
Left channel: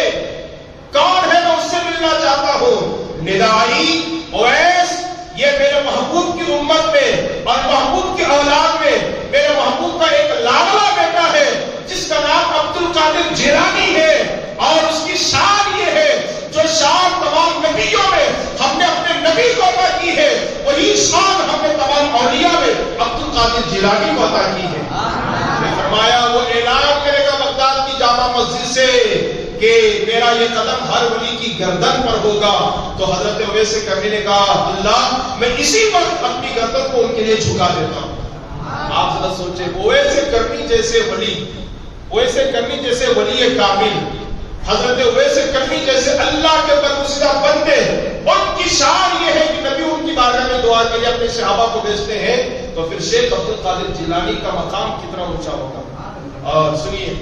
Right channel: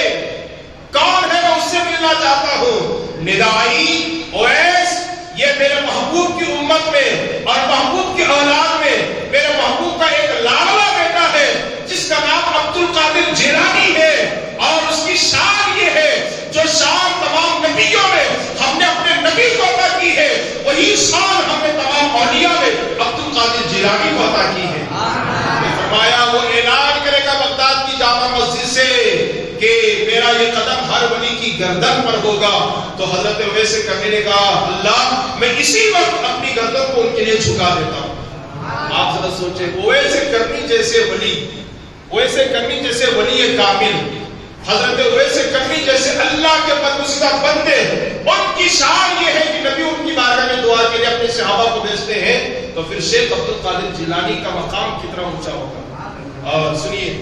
کون ہے؟ میں اس سے ملنا چاہتا ہوں۔ ندائی اویس یہ میرے محبوب کی امت میں اور محبوب کی اولاد میں میرے محبوب کا ایک لاڈلا بیٹا ہے جس کا نام عبد القادر جیلانی ہے، اور اس کی شان یہ ہے جو شان تمام نبیوں میں ہم نے اپنے نبی کو عطا کی ہے، وہی شان ہم نے تمام اولیاء میں عبد القادر جیلانی کو عطا کی ہے۔ فرمایا وہ اعلان کرے گا بغداد کی جامع مسجد سے کہ میرا یہ قدم ہر ولی کی گردن پر ہوگا، تو حضرت اویس قرنی نے کہا اللہ میں اسی وقت اپنی گردن کو ان کے لیے جھکا دیتا ہوں۔ آپ ذرا سوچیں اویس قرنی جیسے ولی، اویس قرنی جیسے ولی کامل، حضرت اویس قرنی جیسے اللہ کے برگزیدہ بندے، ان کی شان یہ ہے کہ نبی ان کی بارگاہ میں دعا کے لیے اپنے صحابہ کو بھیجتے ہیں، تو پھر شیخ عبد القادر جیلانی کا مقام کتنا اونچا ہوگا۔ اور سنیے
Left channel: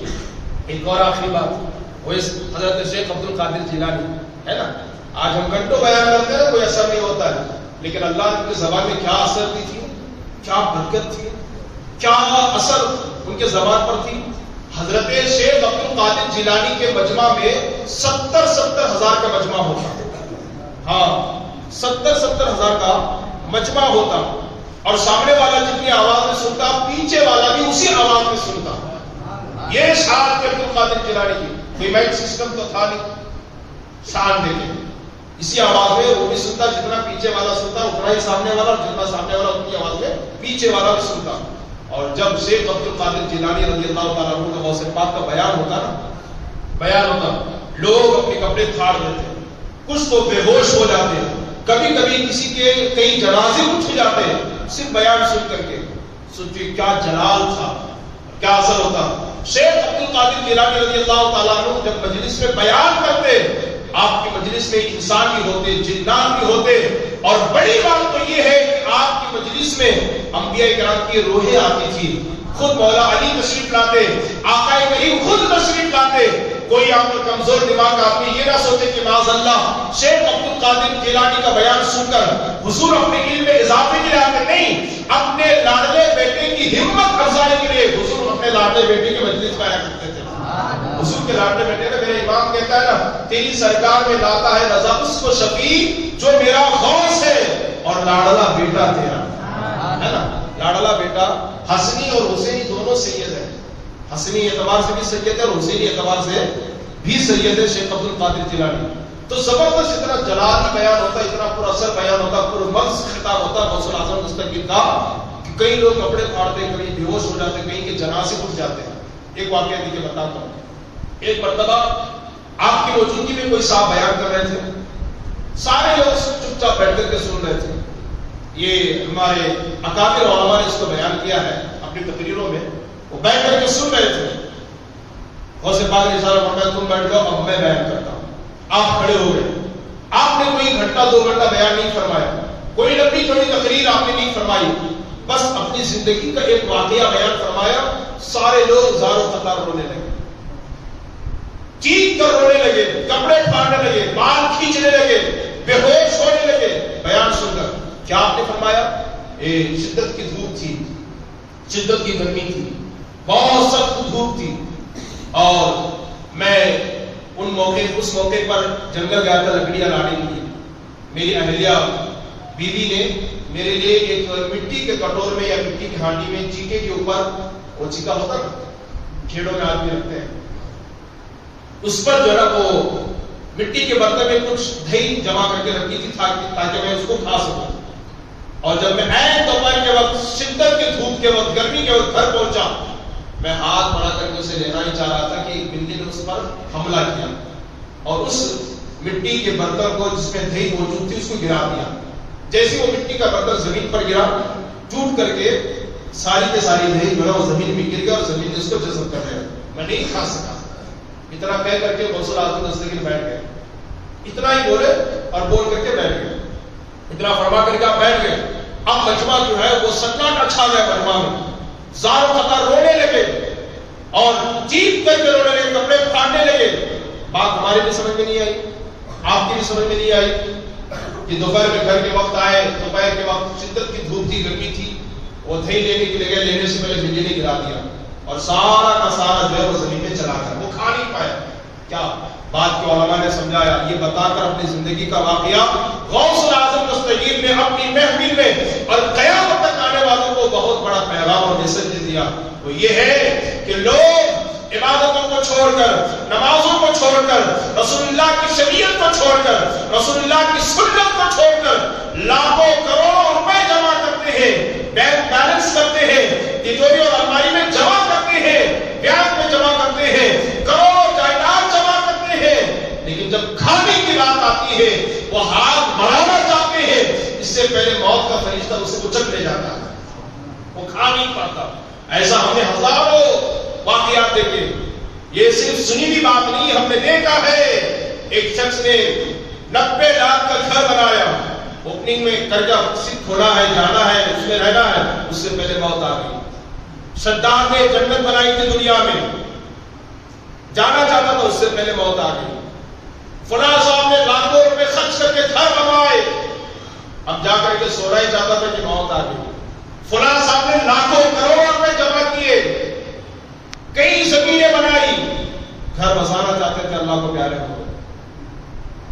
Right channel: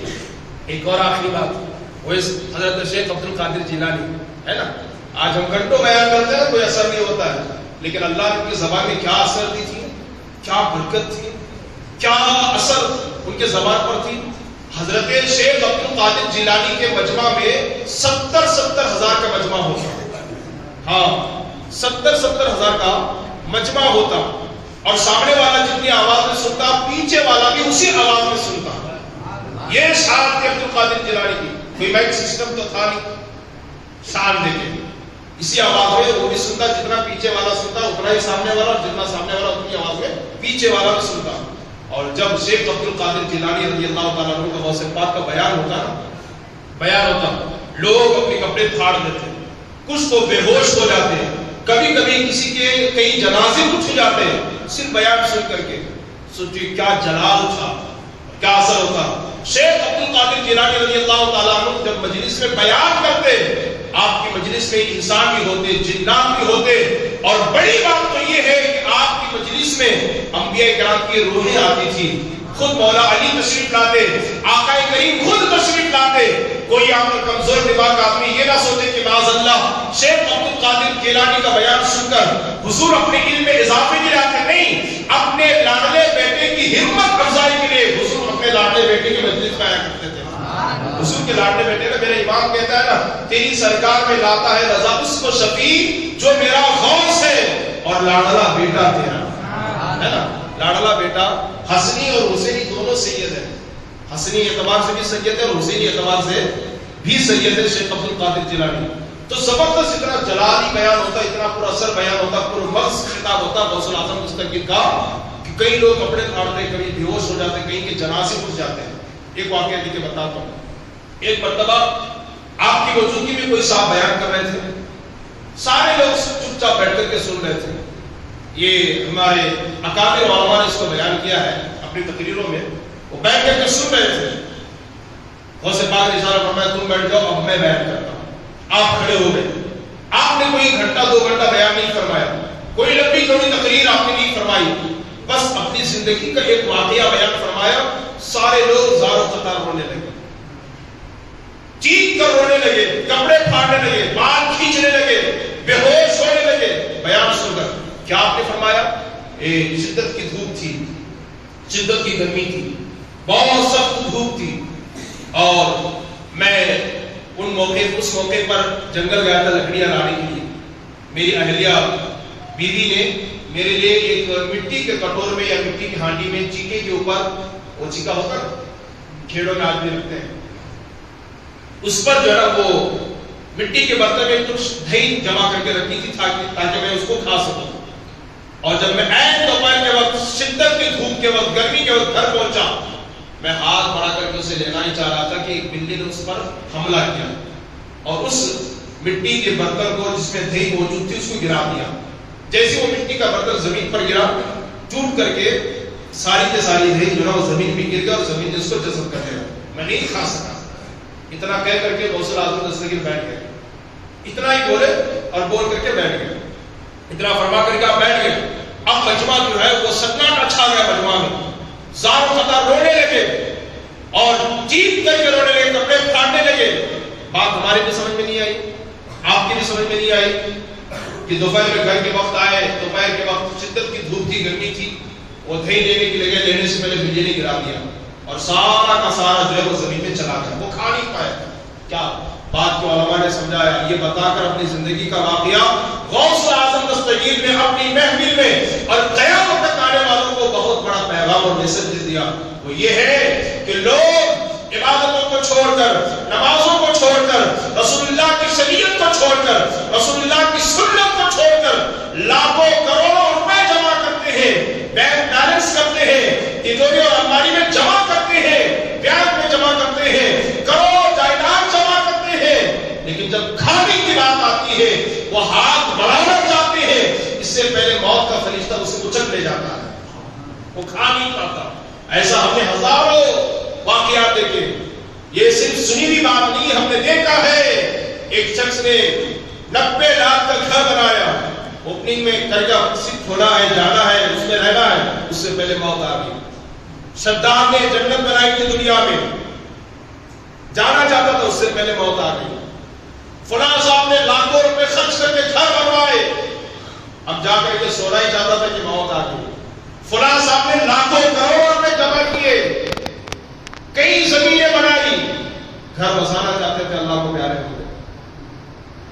ایک اور آخری بات، حضرت شیخ عبد القادر جیلانی ہے نا، آج ہم گھنٹوں بیان کرتے ہیں کوئی اثر نہیں ہوتا ہے، لیکن اللہ نے ان کی زبان میں کیا اثر دی تھی، کیا برکت تھی، کیا اثر ان کے زبان پر تھی۔ حضرت شیخ عبد القادر جیلانی کے مجمع میں 70 ہزار کا مجمع ہوتا، ہاں 70 ہزار کا مجمع ہوتا، اور سامنے والا جتنی آواز میں سنتا پیچھے والا بھی اسی آواز میں سنتا۔ یہ شان تھی عبد القادر جیلانی کی، کوئی مائک سسٹم تو تھا نہیں، شان دیکھیں اسی آواز میں وہ بھی سنتا جتنا پیچھے والا سنتا اتنا ہی سامنے والا، اور جتنا سامنے والا اتنی آواز میں پیچھے والا بھی سنتا۔ اور جب شیخ عبد القادر جیلانی رضی اللہ تعالیٰ عنہ کا غوث پاک کا بیان ہوتا لوگ اپنے کپڑے پھاڑ دیتے، کچھ تو بے ہوش ہو جاتے، کبھی کبھی کسی کے کئی جنازے اٹھ جاتے صرف بیان سن کر کے۔ سوچیے کیا جلال تھا، کیا اثر ہوتا۔ شیخ عبد القادر جیلانی رضی اللہ تعالیٰ عنہ جب مجلس میں بیان کرتے، آپ کی مجلس میں انسان بھی ہوتے، جنات بھی ہوتے، اور بڑی بات تو یہ ہے کہ آپ کی مجلس میں انبیاء کرام کی روحیں آتی تھی، خود مولا علی تشریف لاتے، آقا کریم خود تشریف لاتے۔ کوئی آپ کا کمزور دماغ کا آدمی یہ نہ سوچے کہ معاذ اللہ شیخ عبد القادر جیلانی کا بیان سن کر حضور اپنے علم میں اضافے کے لیے آتے، نہیں، اپنے لاڈلے بیٹے کی ہمت افزائی کے لیے حضور اپنے لاڈلے بیٹے کی مجلس میں آیا کرتے تھے۔ حضور کے لاڈلے بیٹے نے، میرا امام کہتا ہے نا تیری سرکار میں لاتا ہے رضا اس کو شفیع جو میرا غوث ہے، اور لاڈلا بیٹا تیرا ہے نا، لاڈلا بیٹا حسنی اور حسینی دونوں سید ہیں، حسنی اعتبار سے بھی سید ہے اور حسینی اعتبار سے بھی سید ہے شیخ عبد القادر جیلانی۔ تو زبردست اتنا جلالی بیان ہوتا، اتنا پر اثر بیان ہوتا، پر مغز خطاب ہوتا غوث الاعظم مستقبل کا، کہ کئی لوگ کپڑے پھاڑتے، کئی بے ہوش ہو جاتے، کئی کے جنازے اٹھ جاتے ہیں۔ ایک واقعہ دیکھیے بتاتا ہوں، ایک مرتبہ آپ کی موجودگی میں کوئی صاحب بیان کر رہے تھے، سارے لوگ چپ چاپ بیٹھ کر کے سن رہے تھے۔ یہ ہمارے اکابر علماء نے اس کو بیان کیا ہے اپنی تقریروں میں، وہ بیٹھ کر کے سن رہے تھے۔ غوث پاک نے اشارہ فرمایا تم بیٹھ جاؤ، اب میں بیان کرتا ہوں۔ آپ کھڑے ہو گئے، آپ نے کوئی گھنٹہ 2 گھنٹہ بیان نہیں فرمایا، کوئی لمبی چوڑی تقریر آپ نے نہیں فرمائی، بس اپنی زندگی کا ایک واقعہ بیان فرمایا۔ سارے لوگ زار و قطار رونے لگے، چیخ کر رونے لگے، کپڑے پھاڑنے لگے، بال کھینچنے لگے، بے ہوش ہونے لگے بیان سن کر۔ کیا آپ نے فرمایا؟ شدت کی دھوپ تھی، شدت کی گرمی تھی، بہت سخت دھوپ تھی، اور میں اس موقع پر جنگل گیا تھا لکڑیاں لانے کے لیے۔ میری اہلیہ بیوی نے میرے لیے ایک مٹی کے کٹور میں یا مٹی کی ہانڈی میں چیکے کے اوپر، وہ چیکا ہوتا ہے کھیڑوں میں آدمی رکھتے ہیں، اس پر جو ہے وہ مٹی کے برتن میں کچھ دہی جمع کر کے رکھی تھی تاکہ میں اس کو کھا سکوں۔ اور جب میں عین دوپہر کے وقت، شدت کی دھوپ کے وقت، گرمی کے وقت گھر پہنچا، میں ہاتھ بڑھا کر کے اسے لینا ہی چاہ رہا تھا کہ ایک بلی نے اس پر حملہ کیا اور اس مٹی کے برتن کو جس میں دہی موجود تھی اس کو گرا دیا۔ جیسے وہ مٹی کا برتن زمین پر گرا، ٹوٹ کر کے ساری کے ساری دہی جو ہے وہ زمین میں گر گیا اور زمین نے اس کو جذب کر لیا، میں نہیں کھا سکا۔ اتنا کہہ کر کے غوث الاعظم دستگیر بیٹھ گئے، اتنا ہی بولے اور بول کر کے بیٹھ گئے۔ اتنا فرما کر کے آپ بیٹھ گئے. اب مجمع جو ہے وہ سناٹا چھا گیا مجمع میں. زار و قطار رونے لگے اور چیخ کر کے رونے لگے, کپڑے پھاڑنے لگے. بات ہماری بھی سمجھ میں نہیں آئی, آپ کی بھی سمجھ میں نہیں آئی کہ دوپہر میں گھر کے وقت آئے, دوپہر کے وقت شدت کی دھوپ تھی, گرمی تھی, وہ دہی لینے کے لیے لینے سے پہلے بجلی گرا دیا اور سارا کا سارا جو ہے وہ زمین میں چلا گیا, وہ کھا نہیں پایا. کیا بات کو علماء نے سمجھایا, یہ بتا کر اپنی زندگی کا واقعہ غوث اعظم دستگیر نے اپنی محفل میں اور قیامت تک آنے والوں کو بہت بڑا پیغام اور میسج دیا. وہ یہ ہے کہ لوگ عبادتوں کو چھوڑ کر, نمازوں کو چھوڑ کر, رسول اللہ کی شریعت کو چھوڑ کر, رسول اللہ کی سنت کو چھوڑ کر لاکھوں کروڑوں روپے جمع کرتے ہیں, بینک بیلنس کرتے ہیں, تجوری اور الماری میں جمع کرتے ہیں, بینک میں جمع کرتے ہیں, کروڑ جائیداد جمع کرتے ہیں, لیکن جب کھانے کی بات آتی ہے وہ ہاتھ بڑھانا چاہتے ہیں, اس سے پہلے موت کا فرشتہ اسے کچل لے جاتا ہے, وہ کھا نہیں پاتا. ایسا ہم نے ہزاروں واقعات دیکھے. یہ صرف سنی ہوئی بات نہیں, ہم نے دیکھا ہے. ایک شخص نے 90 لاکھ کا گھر بنایا, اوپننگ میں درجہ کھولا ہے, جانا ہے, اس میں رہنا ہے, اس سے پہلے موت آ گئی. شداد نے جنت بنائی تھی دنیا میں, جانا چاہتا تھا, اس سے پہلے موت آ گئی. فلاں صاحب نے لاکھوں روپے خرچ کر کے گھر بنوائے, اب جا کر کے سونا ہی چاہتا تھا کہ موت آ گئی. فلاں صاحب نے لاکھوں کروڑ روپے جمع کیے, کئی زمینیں بنائی, گھر بسانا چاہتے تھے, اللہ کو پیارے ہو گئے.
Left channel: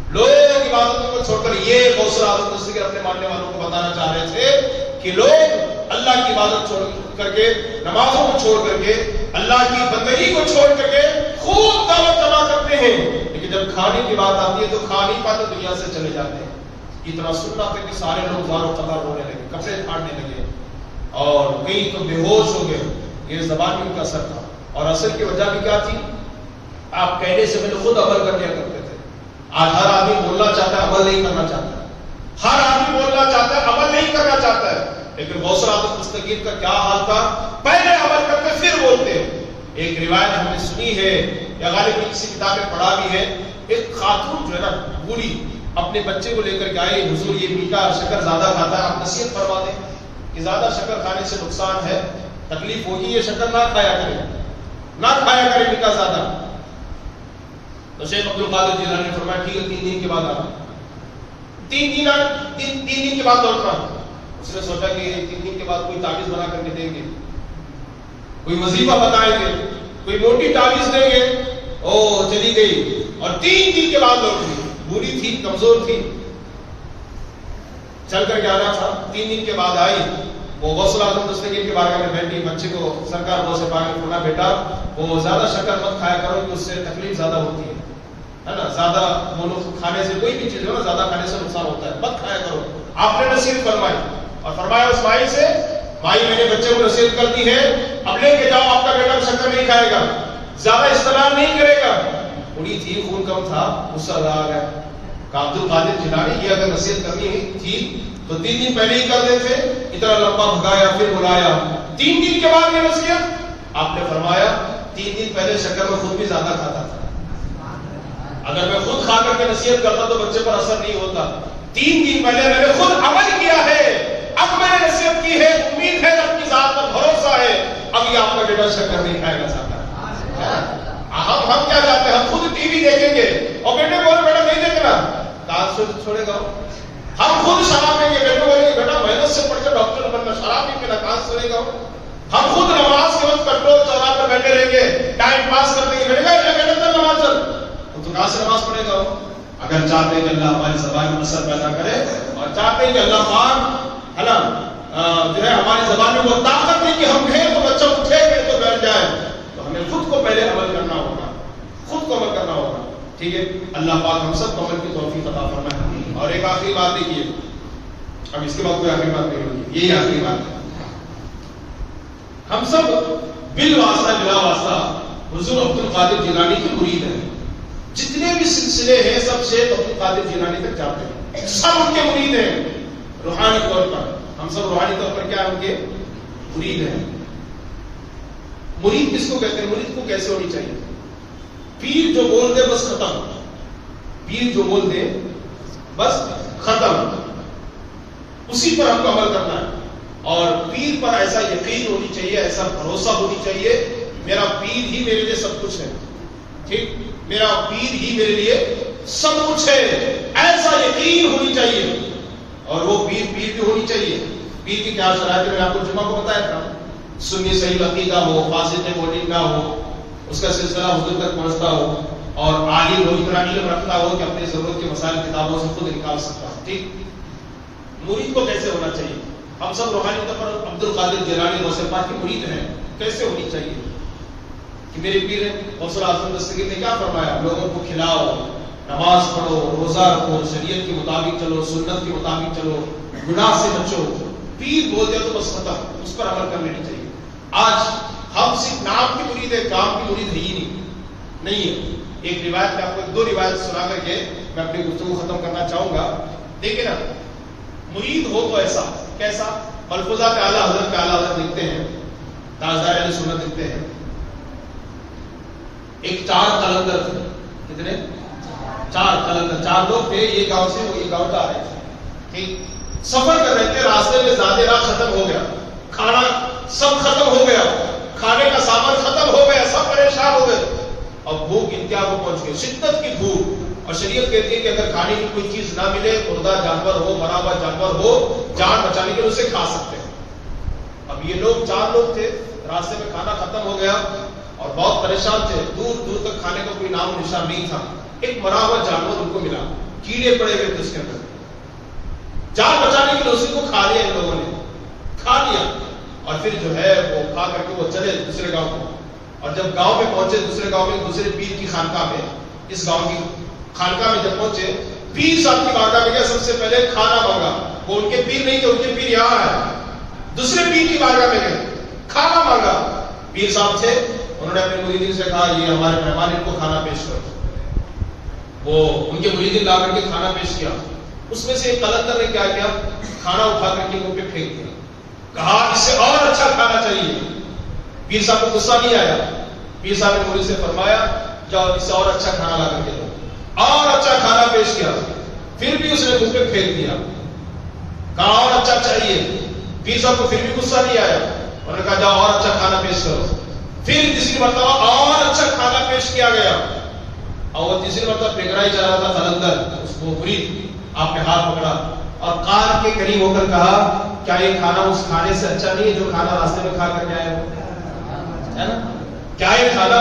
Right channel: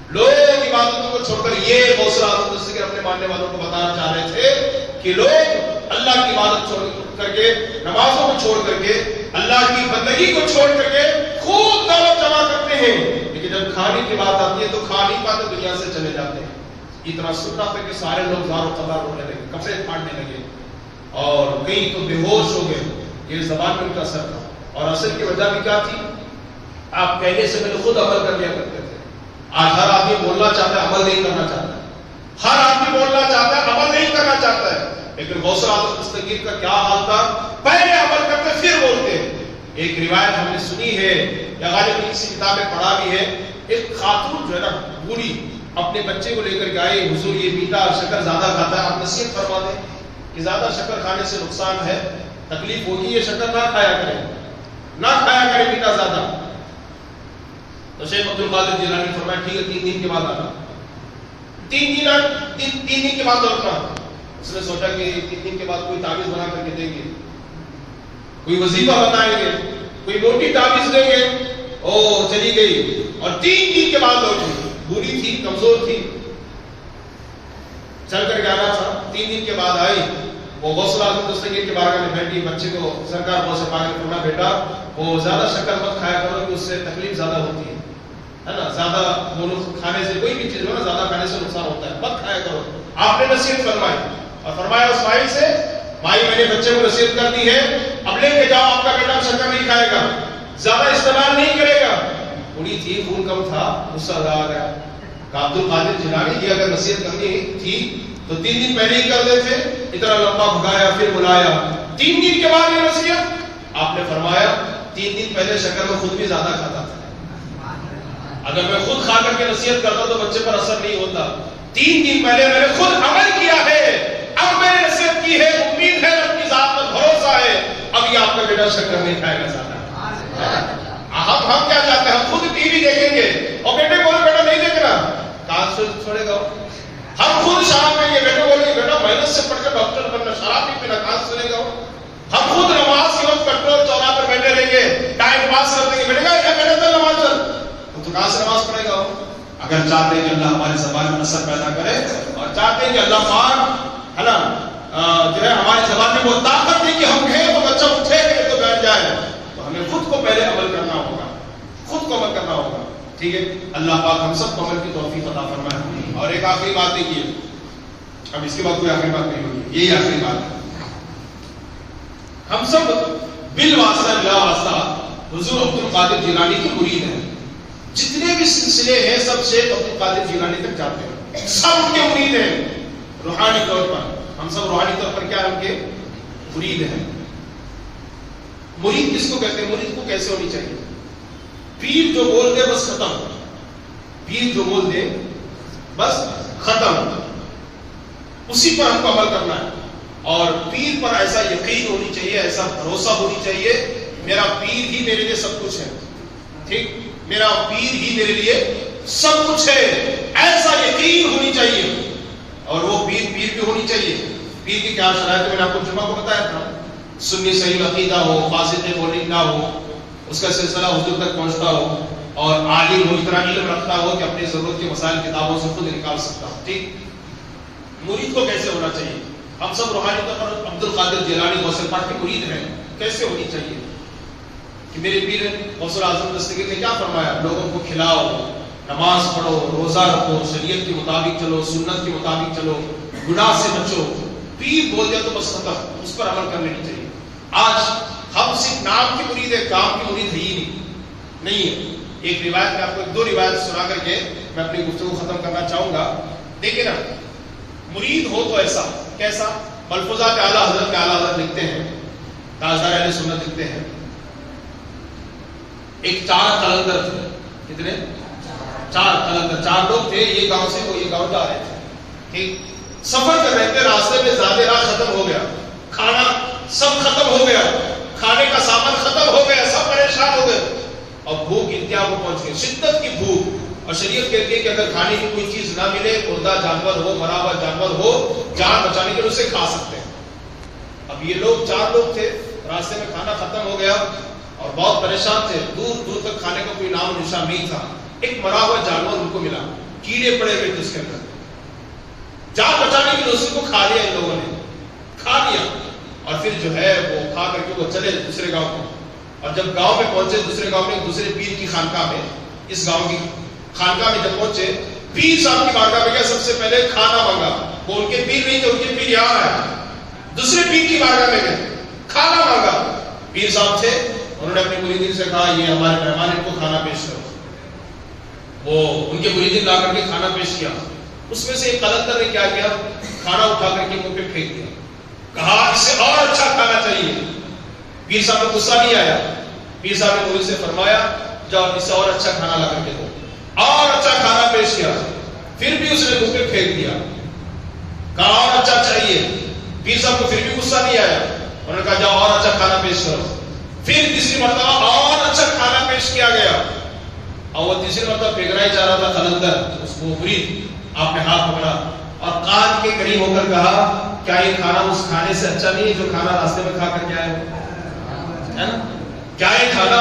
لوگ عبادتوں کو چھوڑ کر, یہ غوث اعظم دستگیر اپنے ماننے والوں کو بتانا چاہ رہے تھے کہ لوگ اللہ کی عبادت چھوڑ کر کے, نمازوں کو چھوڑ کر کے, اللہ کی بندگی کو چھوڑ کر کے خوب دولت جمع کرتے ہیں, لیکن جب کھانے کی بات آتی ہے تو کھا نہیں پاتے, دنیا سے چلے جاتے ہیں. اتنا سننا تھا کہ سارے لوگ زار و قطار رونے لگے, کپڑے پھاڑنے لگے اور کئی تو بے ہوش ہو گئے. یہ زبان میں ان کا اثر تھا, اور اصل کی وجہ بھی کیا تھی, آپ کہنے سے پہلے خود عمل کر لیا کرتے تھے. آج ہر آدمی بولنا چاہتا ہے, عمل نہیں کرنا چاہتا ہے. ہر آدمی بولنا چاہتا ہے, عمل نہیں کرنا چاہتا ہے. لیکن غوث اعظم دستگیر کا کیا حال تھا, پہلے عمل کرتے پھر بولتے. ایک روایت ہم نے سنی ہے یا غالباً کسی کتاب میں پڑھا بھی ہے, ایک خاتون جو ہے نا بوڑھی اپنے بچے کو لے کر کے آئی, حضور یہ میٹھا شکر زیادہ کھاتا ہے, آپ نصیحت فرما دیں کہ زیادہ شکر کھانے سے نقصان ہے, تکلیف ہوگی, یہ شکر نہ کھایا کرے, نہ کھایا کرے میٹھا زیادہ. تو شیخ عبد القادر جیلانی نے فرمایا ٹھیک ہے 3 دن کے بعد آنا. 3 دن کے بعد لوٹنا. اس نے سوچا کہ 3 دن کے بعد کوئی تعویذ بنا کر کے دیں گے, کوئی وظیفہ بتائیں گے, کوئی موٹی تعویذ دیں گے. او چلی گئی اور 3 دن کے بعد لوٹی. بوڑھی تھی, کمزور تھی, چل کر کے آنا تھا. 3 دن کے بعد آئی, وہ غوث اعظم دستگیر کے بارگاہ میں بیٹھی, بچے کو سرکار روز سے پا کے پونا, بیٹا وہ زیادہ شکر مت کھایا کرو کہ اس سے تکلیف زیادہ ہوتی ہے نا, زیادہ وہ کھانے سے کوئی بھی چیز ہو نا, زیادہ کھانے سے نقصان ہوتا ہے, مت کھایا کرو. آپ نے نصیحت فرمائی اور فرمایا اس مائی سے, مائی میں نے بچے کو نصیحت کر دی ہے, اب لے کے جاؤ, آپ کا بیٹا شکر نہیں کھائے گا, زیادہ استعمال نہیں کرے گا. بوڑھی تھی, خون کم تھا, غصہ آ گیا. عبد القادر جیلانی کی اگر نصیحت کرنی تھی تو 3 دن پہلے ہی کر دیتے, اتنا لمبا بھگایا پھر بلایا. 3 دن کے بعد یہ نصیحت. آپ نے فرمایا 3 دن پہلے شکر میں خود بھی زیادہ کھاتا تھا, اگر میں خود کھا کر کے نصیحت کرتا تو بچے پر اثر نہیں ہوتا. 3 دن پہلے میں نے خود عمل کیا ہے, اب میں نے نصیحت کی ہے, امید ہے, اپنی ذات پر بھروسہ ہے, اب یہ آپ کا بیٹا شکر نہیں کھائے گا زیادہ. ہم کیا چاہتے ہیں, ہم خود ٹی وی دیکھیں گے اور بیٹے بولے بیٹا نہیں دیکھنا, کہاں چھوڑے گا. ہم خود شراب پئیں گے, بیٹے بولے بیٹا محنت سے پڑھ کر ڈاکٹر بننا, شراب نہیں پینا, کہاں چھوڑے گا. ہم خود نماز کے وقت کنٹرول چوراہ پر بیٹھے رہیں گے, ٹائم پاس کر دیں گے, بیٹے گا بیٹا چل نماز چل, تو کہاں سے نماز پڑھے گا. اگر چاہتے ہیں کہ اللہ ہماری زبان میں اثر پیدا کرے اور چاہتے ہیں کہ اللہ پاک ہے نا جو ہے ہماری زبان میں وہ طاقت دے کہ ہم کہیں تو بچہ اٹھے گئے تو بیٹھ جائے, تو ہمیں خود کو پہلے عمل کرنا ہوگا, خود کو عمل کرنا ہوگا. ٹھیک ہے, اللہ پاک ہم سب کو عمل کی توفیق عطا فرمائے. اور ایک آخری بات دیکھیے, اب اس کے بعد کوئی آخری بات نہیں ہوگی, یہی آخری بات ہے. ہم سب بالواسطہ بلا واسطہ حضور عبد القادر جیلانی کے مرید ہیں. جتنے بھی سلسلے ہیں سب شیخ عبد القادر جیلانی تک جاتے ہیں, سب ان کے مرید ہیں. روحانی طور پر ہم سب روحانی طور پر کیا ان کے مرید ہیں. مرید کس کو کہتے ہیں, مرید کو کیسے ہونی چاہیے. پیر جو بول دے بس ختم, پیر جو بول دے بس ختم. اسی پر ہم کو عمل کرنا ہے. اور پیر پر ایسا یقین ہونی چاہیے, ایسا بھروسہ ہونی چاہیے, میرا پیر ہی میرے لیے سب کچھ ہے. ٹھیک, میرا پیر ہی میرے لیے سب کچھ ہے, ایسا یقین ہونی چاہیے. اور وہ پیر بھی ہونی چاہیے. پیر کی کیا شرائط ہے, میں نے آپ کو جمعہ کو بتایا تھا. سنی صحیح عقیدہ ہو, فاسد مولد نہ ہو, اس کا سلسلہ حضور تک پہنچتا ہو, اور عالم ہو, اتنا علم رکھتا ہو کہ اپنی ضرورت کے مسائل کتابوں سے خود نکال سکتا ہو. ٹھیک, مرید کو کیسے ہونا چاہیے؟ ہم سب روحانی طور پر عبد القادر جیلانی غوث پاک کے مرید ہیں. کیسے ہونی چاہیے کہ میرے پیر غوث اعظم دستگیر نے کیا فرمایا, لوگوں کو کھلاؤ, نماز پڑھو, روزہ رکھو, شریعت کے مطابق چلو, سنت کے مطابق چلو, گناہ سے بچو. پیر بول دیا تو بس ختم, اس پر عمل کر لینی چاہیے. آج ہم صرف نام کی مرید ہے, کام کی مرید ہے ہی نہیں ہے. ایک روایت میں آپ کو 2 روایت سنا کر کے میں اپنی گفتگو ختم کرنا چاہوں گا. دیکھیں نا, مرید ہو تو ایسا کیسا؟ ملفوظات اعلیٰ حضرت میں اعلیٰ حضرت لکھتے ہیں, تاجدار اہل سنت لکھتے ہیں, ایک 4 قلندر تھے. کتنے؟ 4 قلندر, 4 لوگ تھے, یہ گاؤں سے وہ یہ گاؤں جا رہے تھے. ٹھیک, سفر کر رہے تھے, راستے میں زیادہ راہ ختم ہو گیا, کھانا سب ختم ہو گیا, کھانے کا سامان ختم ہو گیا, سب پریشان ہو گئے, اور بھوک انتہا کو پہنچ گئی, شدت کی بھوک. اور شریعت کہتی ہے کہ اگر کھانے کی کوئی چیز نہ ملے, مردہ جانور ہو, مرا ہوا جانور ہو, جان بچانے کے لیے اسے کھا سکتے ہیں. اب یہ لوگ 4 لوگ تھے, راستے میں کھانا ختم ہو گیا اور بہت پریشان تھے, دور دور تک کھانے کا کوئی نام نشان نہیں تھا. ایک مرا ہوا جانور ان کو ملا, کیڑے پڑے ہوئے تھے اس کے اندر. جان بچانے کے لیے اسی کو کھا لیا, ان لوگوں نے کھا لیا, اور پھر جو ہے وہ کھا کر کے وہ چلے دوسرے گاؤں کو. اور جب گاؤں میں پہنچے, دوسرے گاؤں میں, دوسرے پیر کی خانقاہ میں, اس گاؤں کی خانقاہ میں جب پہنچے, پیر صاحب کی بارگاہ میں گیا, سب سے پہلے کھانا مانگا. وہ ان کے پیر نہیں تھے, ان کے پیر یہاں ہے. دوسرے پیر کی بارگاہ میں گئے, کھانا مانگا. پیر صاحب تھے, انہوں نے اپنے مریدین سے کہا یہ ہمارے مہمان, ان کو کھانا پیش کرو. وہ ان کے مریدین لا کر کے کھانا پیش کیا. اس میں سے ایک قلندر نے کیا کیا, کھانا اٹھا کر کے منہ پہ پھینک دیا, کہا اس سے اور اچھا کھانا چاہیے. پیر صاحب کو غصہ نہیں آیا. پیر صاحب نے مرید سے فرمایا جاؤ اس سے اور اچھا کھانا لا کر کے دو. اور اچھا کھانا پیش کیا, پھر بھی اس نے منہ پہ پھینک دیا, کہا اور اچھا چاہیے. پیر صاحب کو پھر بھی غصہ نہیں آیا, انہوں نے کہا جاؤ اور اچھا کھانا پیش کرو. پھر تیسری مرتبہ اور اچھا کھانا پیش کیا گیا, اور وہ تیسری مرتبہ پھینکنا ہی چاہ رہا تھا قلندر, اس کو مرید آپ نے ہاتھ پکڑا اور کان کے قریب ہو کر کہا کیا یہ کھانا اس کھانے سے اچھا نہیں ہے جو کھانا راستے میں کھا کر کے آئے ہے نا؟ کیا یہ کھانا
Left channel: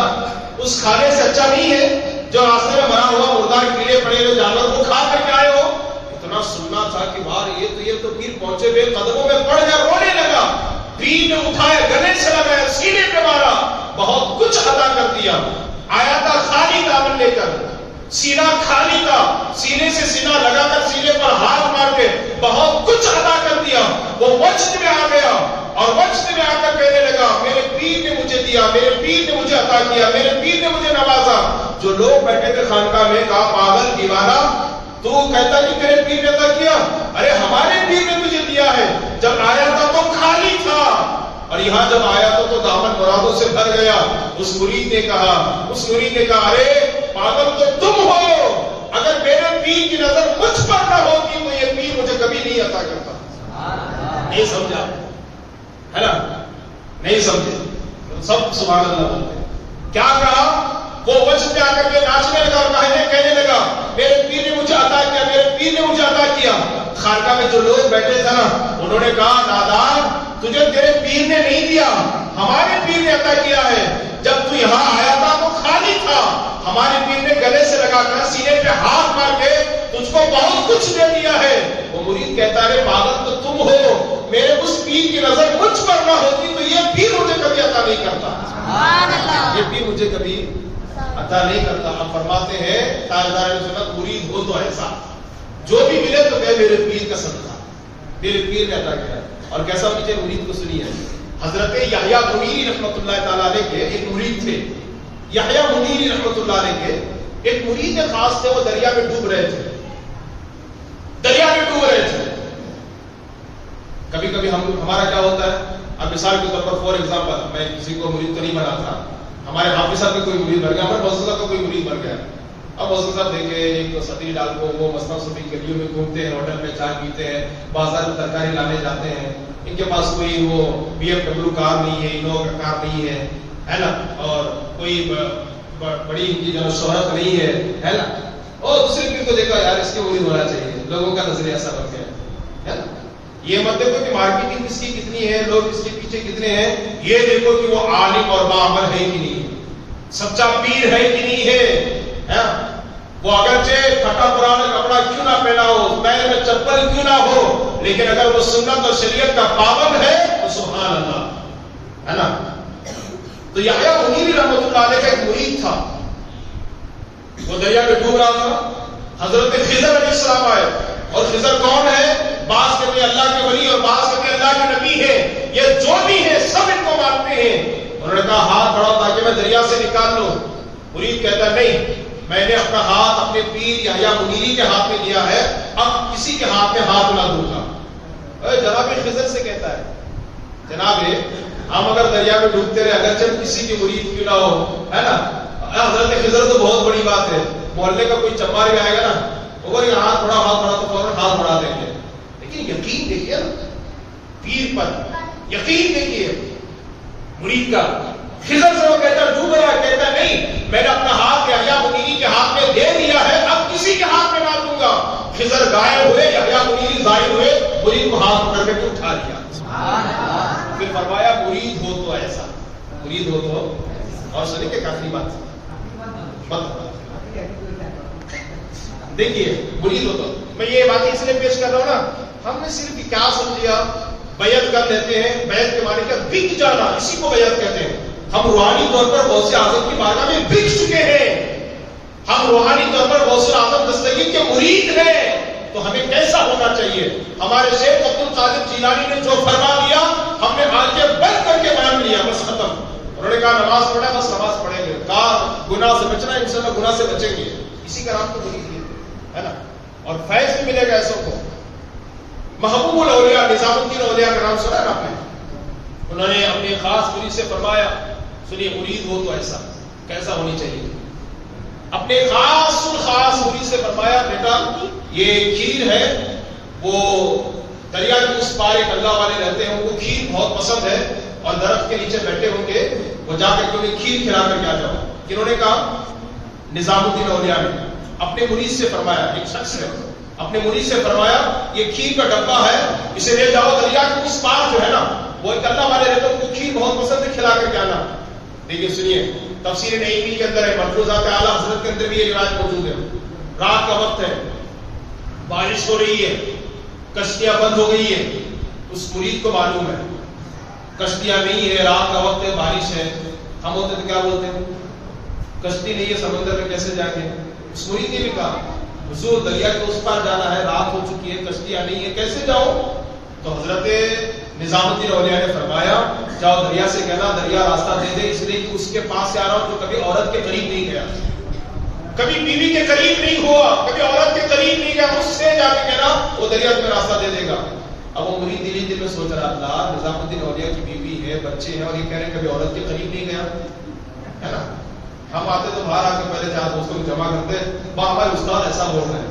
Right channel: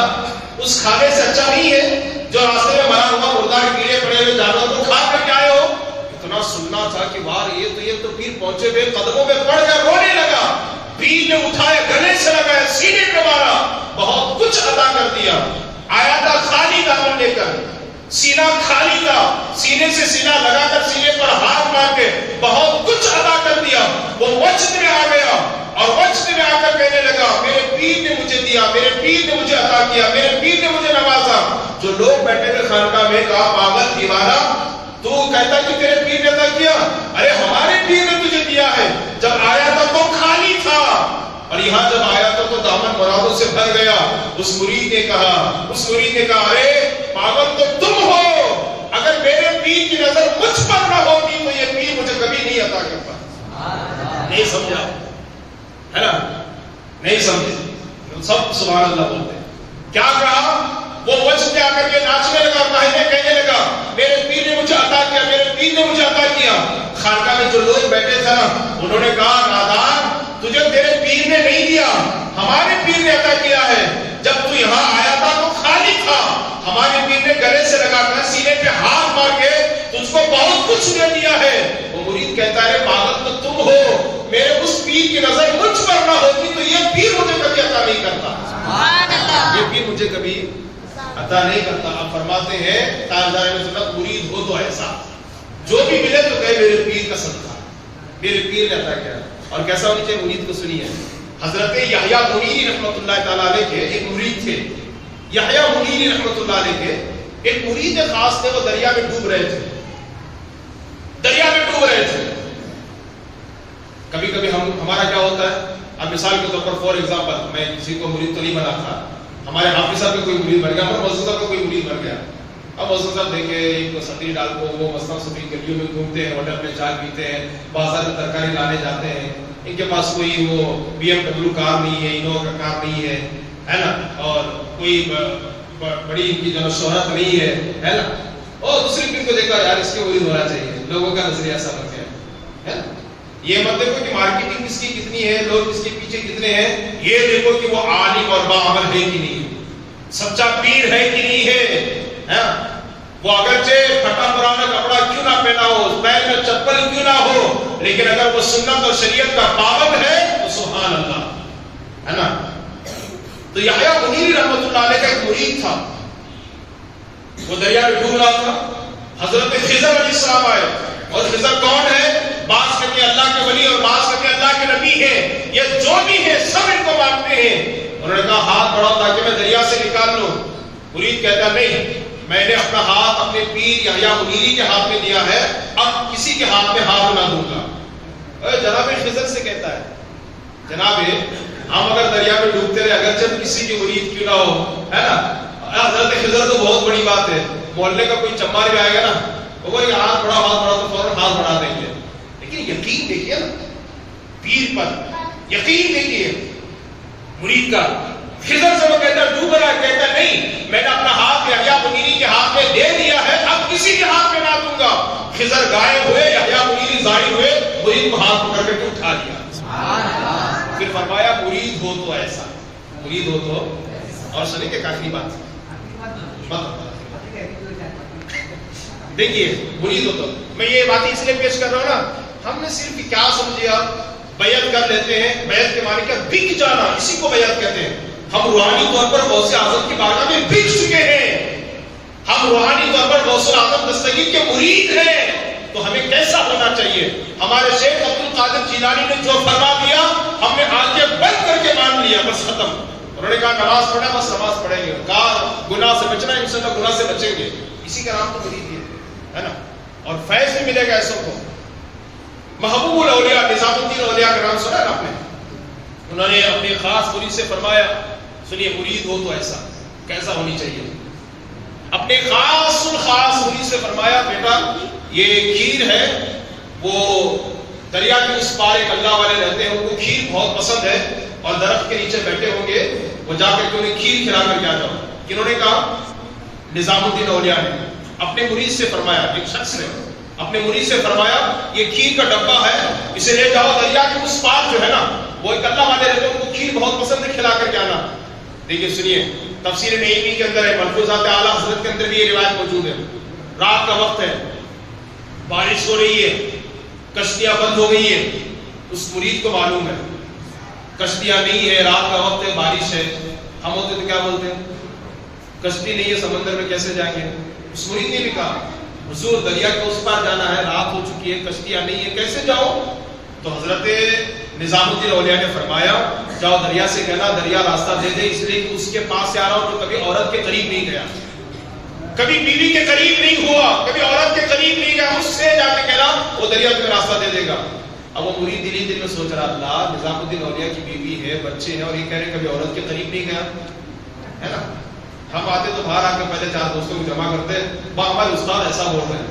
اس کھانے سے اچھا نہیں ہے جو راستے میں مرا ہوا مردہ کیڑے پڑے ہوئے جانور کو کھا کر کے آئے ہو؟ اتنا سننا تھا کہ بار یہ تو پیر پہنچے ہوئے قدموں میں پڑ گیا, رونے لگا. پیر نے اٹھایا, گلے سے لگایا, سینے پہ مارا, بہت کچھ ادا کر دیا. آیا تھا خالی دامن لے کر, سینہ خالی تھا, سینے سے سینہ لگا کر سینے پر ہاتھ مار کے بہت کچھ ادا کر دیا. وہ وجد میں آ گیا اور وجد میں آ کر کہنے لگا میرے پیر نے مجھے دیا, میرے پیر نے مجھے عطا کیا, میرے پیر نے مجھے نوازا. جو لوگ بیٹھے تھے خانقاہ میں کہا پاگل دیوانہ, تو کہتا کہ تیرے پیر نے عطا کیا, ارے ہمارے پیر نے تجھے دیا ہے. جب آیا تھا تو خالی تھا, اور یہاں جب آیا تو دامن مرادوں سے بھر گیا. اس مرید نے کہا ارے پاگل تو تم ہو, اگر میرے پیر کی نظر مجھ پر نہ ہوتی تو یہ پیر مجھے کبھی نہیں عطا کرتا. نہیں سمجھا ہے نا, نہیں سمجھے, سب سبحان اللہ بولتے. کیا کہا, وہ وجہ میں آ کر کے ناچنے لگا اور کہنے لگا میرے پیر نے مجھے عطا کیا, میرے پیر نے مجھے عطا کیا. خانقاہ میں جو لوگ بیٹھے تھے نا, انہوں نے کہا نادان, تجھے تیرے پیر نے نہیں دیا, ہمارے پیر نے عطا کیا ہے. جب تو یہاں آیا تھا تو خالی تھا, ہمارے پیر نے گلے سے لگا کر سینے پہ ہاتھ مار کے تجھ کو بہت کچھ دے دیا ہے. وہ مرید کہتا ہے پاگل تو تم ہو, میرے اس پیر کی نظر مجھ پر نہ ہوتی تو یہ پیر مجھے کبھی عطا نہیں کرتا, یہ پیر مجھے کبھی عطا نہیں کرتا. آپ فرماتے ہیں تاجدار اہل سنت مرید ہو تو ایسا, جو بھی ملے تو کہے میرے پیر کا صدقہ, میرے پیر نے عطا کیا. اور کیسا ہونی چاہیے مرید کو سنیے. حضرت یحییٰ منیری رحمۃ اللہ تعالیٰ علیہ کے ایک مرید تھے. یحییٰ منیری رحمۃ اللہ علیہ کے ایک مرید خاص تھے, وہ دریا میں ڈوب رہے تھے. کبھی کبھی ہمارا کیا ہوتا ہے, اب مثال کے طور پر فور ایگزامپل, میں کسی کو مرید تو نہیں بنا تھا, ہمارے حافظ صاحب کا کوئی مرید بن گیا, ہمارے موضوع صاحب کا کوئی مرید بن گیا, اب حضرت صاحب دیکھیں ایک تو سطری ڈال کو وہ مستان سطری گلیوں میں گھومتے ہیں، ہوٹل میں چائے پیتے ہیں، بازار میں ترکاری لانے جاتے ہیں، ان کے پاس کوئی وہ BMW کار نہیں ہے، انووا کا کار نہیں ہے نا، اور کوئی بڑی ان کی جو شہرت نہیں ہے نا، اور دوسرے پیر کو دیکھا یار اس کے مرید ہونا چاہیے، لوگوں کا نظریہ ایسا بن گیا ہے نا۔ یہ مت دیکھو کہ مارکیٹنگ کس کی کتنی ہے، لوگ اس کے پیچھے کتنے ہیں، یہ دیکھو کہ وہ عالم اور باعمل ہے کہ نہیں، سچا پیر ہے کہ نہیں ہے۔ وہ اگرچہ پھٹا پرانا کپڑا کیوں نہ پہنا ہو، پیر میں چپل کیوں نہ ہو، لیکن اگر وہ سنت اور شریعت کا پابند ہے تو سبحان اللہ ہے نا۔ تو یحییٰ منیری رحمۃ اللہ علیہ کا ایک مرید تھا، وہ دریا میں ڈوب رہا تھا، حضرت خضر علیہ السلام آئے، اور خضر کون ہے؟ بعض کہتے ہیں اللہ کے ولی اور بعض کہتے ہیں اللہ کے نبی ہیں، یہ جو بھی ہے سب ان کو مانتے ہیں۔ انہوں نے کہا ہاتھ بڑھاؤ تاکہ میں دریا سے نکال لوں۔ مرید کہتا نہیں، میں نے اپنا ہاتھ اپنے پیر یحییٰ منیری کے ہاتھ میں دیا ہے، اب کسی کے ہاتھ میں ہاتھ نہ دوں گا۔ جناب خضر سے کہتا ہے جناب ہم اگر دریا میں ڈوبتے رہے اگرچہ کسی کی مرید کیوں نہ ہو ہے نا، حضرت خضر تو بہت بڑی بات ہے، محلے کا کوئی چمار بھی آئے گا نا وہ ہاتھ بڑھا تو فوراً ہاتھ بڑھا دیں گے، لیکن یقین دیکھیے نا پیر پر، یقین دیکھیے مرید کا۔ خضر سے وہ کہتا ڈوب رہا ہے، کہتا نہیں میں نے اپنا ہاتھ یحییٰ منیری کے ہاتھ میں دے دیا ہے، اب کسی کے ہاتھ میں نہ دوں گا۔ خضر غائب ہوئے، یحییٰ منیری ظاہر ہوئے، مرید کو ہاتھ پکڑ کے اٹھا لیا، پھر فرمایا مرید ہو تو ایسا، مرید ہو تو، اور سنیں کہ کافی بات دیکھیے مرید ہو تو، میں یہ باتیں اس لیے پیش کر رہا ہوں نا، ہم نے صرف کیا سمجھا بیعت کر لیتے ہیں، بیعت کے معنی کیا بک جانا، اسی کو بیعت کہتے ہیں۔ ہم روحانی طور پر غوث اعظم کی بارگاہ میں بک چکے ہیں، ہم روحانی طور پر غوث اعظم دستگیر کے مرید ہیں، تو ہمیں کیسا ہونا چاہیے؟ ہمارے شیخ عبد القادر جیلانی نے جو فرما دیا ہم نے آنکھیں بند کر کے مان لیا، بس ختم۔ انہوں نے کہا نماز پڑھا، بس نماز پڑھیں گے، کہا گناہ سے بچنا ہے، انشاءاللہ گناہ سے بچیں گے، اسی کا نام تو مرید ہے نا، اور فیض بھی ملے گا ایسوں کو۔ محبوب الاولیاء نظام الدین اولیاء کا نام سنا ہے آپ نے، انہوں نے اپنے خاص مرید سے فرمایا سنیے مرید ہو تو ایسا کیسا ہونی چاہیے، اپنے خاص مرید سے فرمایا بیٹا یہ کھیر ہے، وہ دریا کے اس پار ایک اللہ والے رہتے ہیں، ان کو کھیر بہت پسند ہے اور درخت کے نیچے بیٹھے ہوں گے، وہ جا کر کے انہیں کھیر کھلا کر کے آ جاؤ۔ کنہوں نے کہا؟ نظام الدین اولیاء نے اپنے مرید سے فرمایا، ایک شخص نے اپنے مرید سے فرمایا یہ کھیر کا ڈبہ ہے، اسے لے جاؤ دریا کے اس پار جو ہے نا، وہ ایک اللہ والے رہتے ہیں، ان کو کھیر بہت پسند ہے، کھلا کر کے آنا۔ دیکھیے سنیے تفسیر نعیمی کے اندر ہے، ملفوظات اعلیٰ حضرت کے اندر بھی یہ روایت موجود ہے، رات کا وقت ہے، بارش ہو رہی ہے، کشتیاں بند ہو گئی ہیں، اس مرید کو معلوم ہے کشتیاں نہیں ہے، رات کا وقت ہے، بارش ہے، ہم ہوتے تو کیا بولتے ہیں کشتی نہیں ہے سمندر میں کیسے جا کے، اس مرید نے بھی کہا حضور دریا کے اس پار جانا ہے، رات ہو چکی ہے، کشتیاں نہیں ہے، کیسے جاؤ؟ تو حضرت نظام الدین اولیاء نے فرمایا جاؤ دریا سے کہنا دریا راستہ دے دے، اس لیے کہ اس کے پاس سے آ رہا ہوں جو کبھی عورت کے قریب نہیں گیا، کبھی بیوی کے قریب نہیں ہوا، کبھی عورت کے قریب نہیں گیا، اس سے جا کے کہنا وہ دریا تمہیں راستہ دے دے گا۔ اب وہ مرید دل ہی دل میں سوچ رہا اللہ نظام الدین اولیاء کی بیوی ہے، بچے ہیں، اور یہ کہہ رہے ہیں کبھی عورت کے قریب نہیں گیا ہے نا۔ ہم آتے تو باہر آ کے پہلے 4 دوستوں کو جمع کرتے، ہمارے استاد ایسا بول رہے ہیں،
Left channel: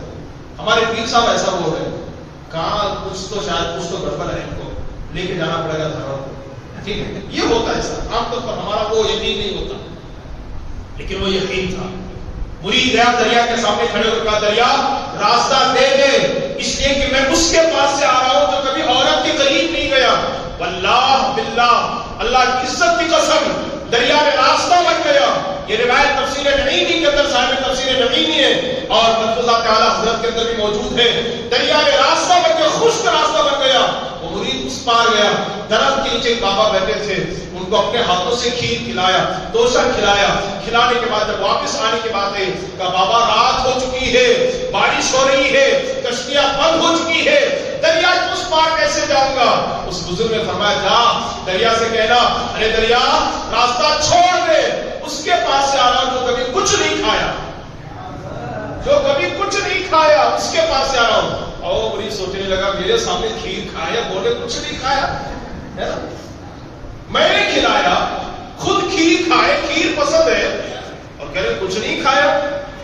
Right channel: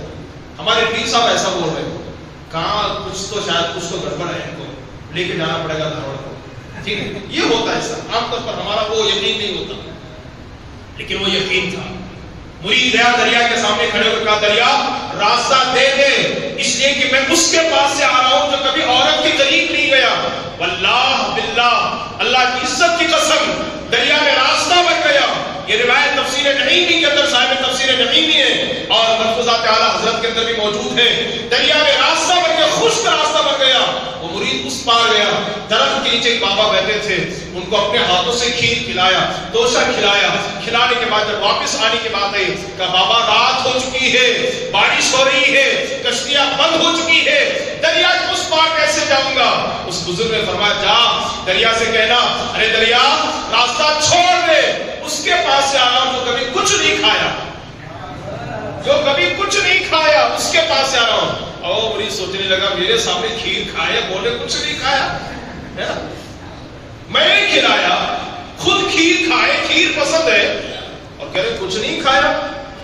ہمارے پیر صاحب ایسا بول رہے ہیں، کہاں کچھ تو شاید کچھ تو گڑبڑ ہے، ان کو لے کے جانا پڑے گا دعوت کو، ٹھیک ہے۔ یہ ہوتا ہے ایسا عام طور پر، ہمارا وہ یقین نہیں ہوتا، لیکن وہ یقین تھا۔ مرید گیا دریا کے سامنے کھڑے ہو کر دریا راستہ دے دے، اس لیے کہ میں اس کے پاس سے آ رہا ہوں جو کبھی عورت کے قریب نہیں گیا۔ واللہ باللہ اللہ کی عزت کی قسم دریا میں راستہ بن گیا۔ یہ روایت تفسیر نعیمی کے اندر صاحب تفسیر نعیمی ہے اور ملفوظات اعلیٰ حضرت کے اندر بھی موجود ہے۔ دریا میں راستہ بن گیا، خشک راستہ بن گیا، وہ مرید اس پار گیا، درخت کے نیچے ایک بابا بیٹھے تھے، ان کو اپنے ہاتھوں سے کھیر کھلایا، توشا کھلایا، کھلانے کے بعد جب واپس آنے کی بات آئی کہا بابا رات ہو چکی ہے، بارش ہو رہی ہے، کشتیاں بند ہو چکی ہے، دریا اس پار کیسے جاؤں گا؟ اس بزرگ نے فرمایا جا دریا سے کہنا ارے دریا راستہ چھوڑ دے، اس کے پاس سے آ رہا ہوں جو کبھی کچھ نہیں کھایا، جو کبھی کچھ نہیں کھایا، اس کے پاس سے آ رہا ہوں۔ اور مرید سوچنے لگا میرے سامنے کھیر کھایا، بولے کچھ نہیں کھایا ہے نا، میں نے کھلایا، خود کھیر کھائے، کھیر پسند ہے، اور کہہ رہے کچھ نہیں کھایا۔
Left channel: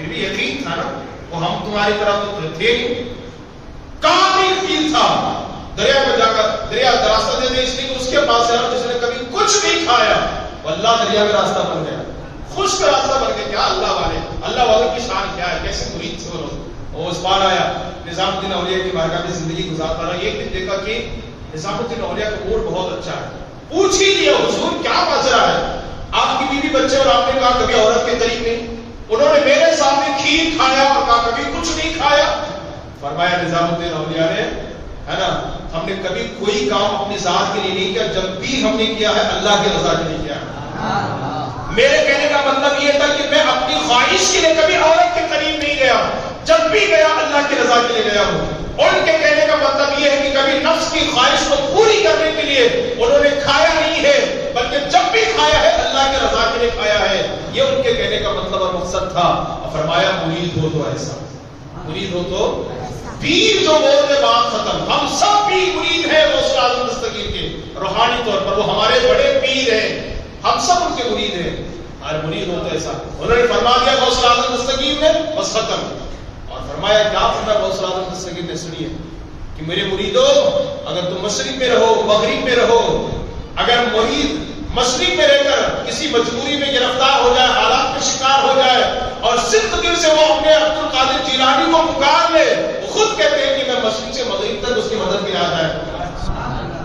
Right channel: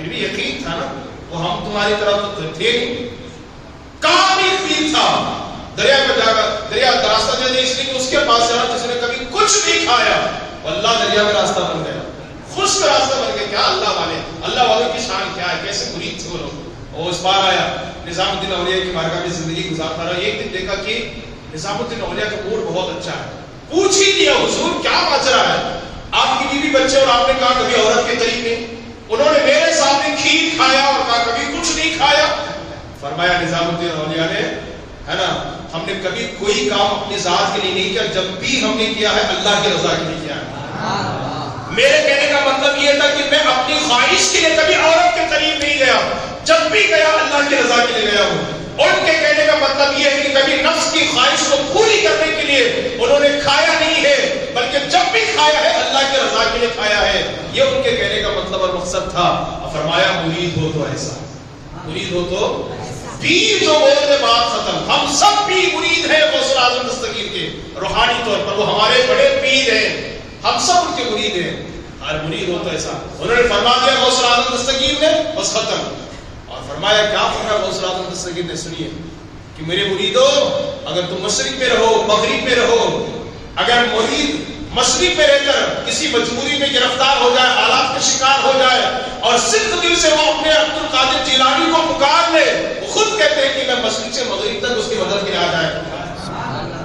پھر بھی یقین تھا نا، وہ ہم تمہاری طرح تو تھے نہیں، کامل یقین تھا. دریا میں جا کر دریا راستہ دے دے اس لیے کہ اس کے پاس سے جس نے کبھی کچھ نہیں کھایا، اللہ دریا میں راستہ بن گیا، خشک راستہ بن گیا. کیا اللہ والوں کی شان کیا ہے، کیسے مرید تھے وہ لوگ. وہ اس بار آیا نظام الدین اولیاء کی بارگاہ میں زندگی گزارتا رہا. ایک دن دیکھا کہ نظام الدین اولیاء کا موڈ بہت اچھا ہے. پوچھ ہی لیا حضور کیا ماجرا ہے، آپ کی بیوی بچے اور آپ نے کہا کبھی عورت کے قریب نہیں. انہوں نے میرے سامنے کھیر کھایا اور کہا کبھی کچھ نہیں کھایا. فرمایا نظام الدین اولیاء نے، ہے نا، ہم نے کبھی کوئی کام اپنی ذات کے لیے نہیں کیا، جب بھی ہم نے کیا ہے اللہ کی رضا کے لیے کیا ہے. میرے کہنے کا مطلب یہ تھا کہ میں اپنی خواہش کے لیے کبھی عورت کے قریب نہیں گیا، جب بھی گیا اللہ کی رضا کے لیے گیا ہوں. ان کے کہنے کا مطلب یہ ہے کہ کبھی نفس کی خواہش کو پوری کرنے کے لیے انہوں نے کھایا نہیں ہے، بلکہ جب بھی کھایا ہے اللہ کی رضا کے لیے کھایا ہے. یہ ان کے کہنے کا مطلب اور مقصد تھا. فرمایا مرید ہو تو ایسا، مرید ہو تو پیر جو بولتے بات ختم. ہم سب بھی مرید ہیں غوث اعظم دستگیر کے روحانی طور پر، وہ ہمارے بڑے پیر ہیں، ہم سب ان کے مرید ہیں. اور مرید ہو تو ایسا. انہوں نے فرما دیا غوث اعظم دستگیر نے، بس ختم. اور فرمایا کیا فرمایا غوث اعظم دستگیر نے، سنیے کہ میرے مریدو اگر تم مشرق میں رہو مغرب میں رہو، اگر مرید مشرق میں رہ کر کسی مجبوری میں گرفتار ہو جائے، حالات کا شکار ہو جائے اور صرف دل سے وہ اپنے عبد القادر جیلانی کو پکار لے، وہ خود کہتے ہیں کہ میں مشرق سے مغرب تک اس کی مدد کے لیے آ جائے.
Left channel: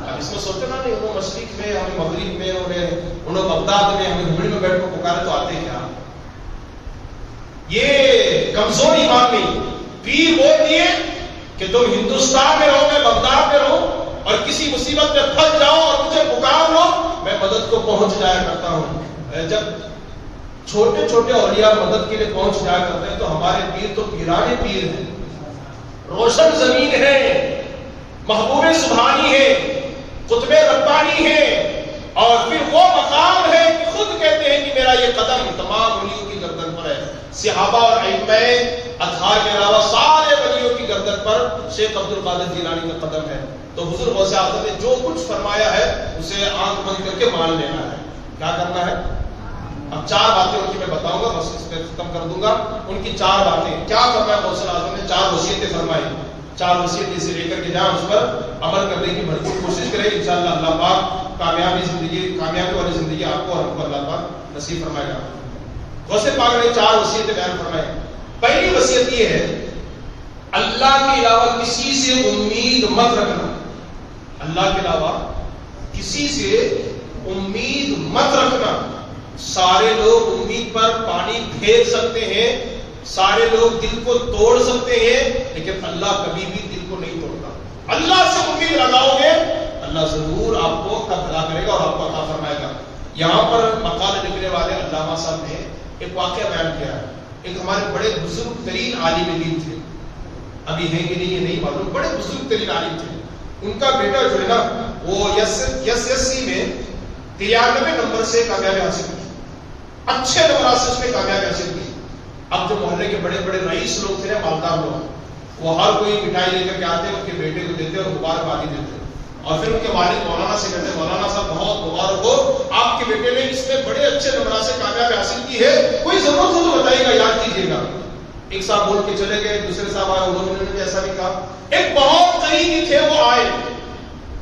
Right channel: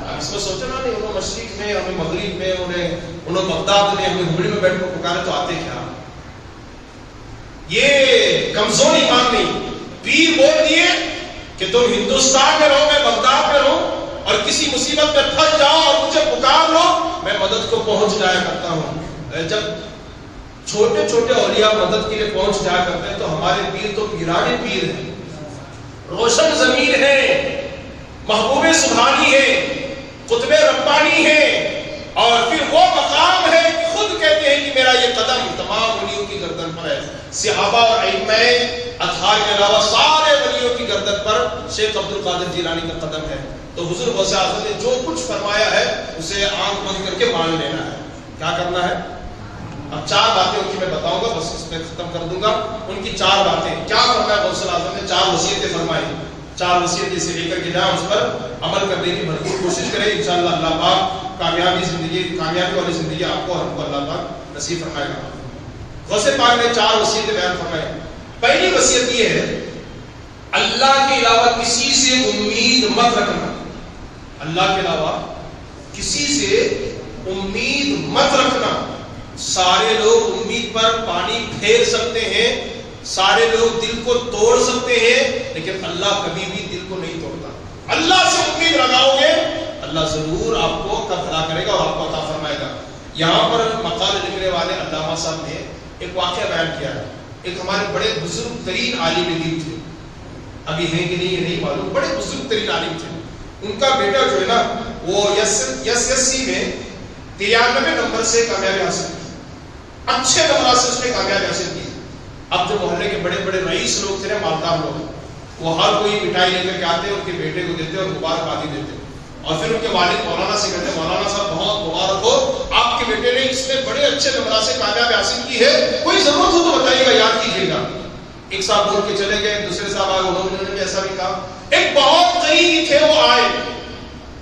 اب اس میں سوچنا نہیں، انہوں مشرق میں ہمیں مغرب میں، انہوں بغداد میں ہمیں ہمڑی میں بیٹھ کر پکارے تو آتے کیا. یہ کمزور ایمان نہیں. پیر بول دیے کہ تم ہندوستان میں رہو میں بغداد میں رہوں اور کسی مصیبت میں پھنس جاؤ اور مجھے پکار لو، میں مدد کو پہنچ جایا کرتا ہوں. جب چھوٹے چھوٹے اولیاء مدد کے لیے پہنچ جایا کرتے ہیں تو ہمارے پیر تو پیرانے پیر ہیں، روشن زمین ہے، محبوب سبحانی ہے، قطب ربانی ہے. اور پھر وہ مقام ہے کہ خود کہتے ہیں کہ میرا یہ قدم تمام ولیوں کی گردن پر ہے. صحابہ اور ائمہ اطہار کے علاوہ سارے ولیوں کی گردن پر شیخ عبد القادر جیلانی کا قدم ہے. تو حضور غوث اعظم نے جو کچھ فرمایا ہے اسے آنکھ بند کر کے مان لینا ہے. کیا کرنا ہے؟ اب 4 باتیں ان کی میں بتاؤں گا، بس اس پہ ختم کر دوں گا. ان کی 4 باتیں کیا فرمایا غوث اعظم نے، 4 وصیتیں فرمائی. 4 وصیتیں سے لے کر کے جائیں، اس پر عمل کرنے کی بھرپور کوشش کریں. انشاءاللہ اللہ پاک کامیابی والی زندگی آپ کو اور ہم کو اللہ پاک نصیب فرمائے گا. غوث پاک نے 4 وصیتیں بیان فرمائی. پہلی وصیت یہ ہے اللہ کے علاوہ کسی سے امید مت رکھنا. اللہ کے علاوہ کسی سے امید مت رکھنا. سارے لوگ امید پر پانی پھیر سکتے ہیں، سارے لوگ دل کو توڑ سکتے ہیں، لیکن اللہ کبھی بھی دل کو نہیں توڑتا. اللہ سے امید لگاؤ گے اللہ ضرور آپ کو تب بھلا کرے گا اور آپ کو عطا فرمائے گا. یہاں پر مقالے لکھنے والے علامہ صاحب نے ایک واقعہ بیان کیا ہے. ایک ہمارے بڑے بزرگ ترین عالم دین تھے، ابھی ہیں کہ نہیں یہ نہیں معلوم، بڑے بزرگ ترین عالم تھے. ان کا بیٹا جو ہے نا وہ SSC میں 93 نمبر سے کامیابی حاصل کی، اچھے نمبرات سے اس نے کامیابی حاصل کی. اب جو محلے کے بڑے بڑے رئیس لوگ تھے نا، مالدار لوگ، وہ ہر کوئی مٹھائی لے کر کے آتے، ان کے بیٹے کو دیتے اور مبارکبادی دیتے. اور پھر ان کے والد مولانا سے کہتے ہیں مولانا صاحب بہت مبارک ہو، آپ کے بیٹے نے اس میں بڑے اچھے نمبرات سے کامیابی حاصل کی ہے، کوئی ضرورت ہو تو بتائیے گا، یاد کیجیے گا. ایک صاحب بول کے چلے گئے، دوسرے صاحب آئے، انہوں نے بھی ایسا بھی کہا. ایک بہت قریبی تھے وہ آئے،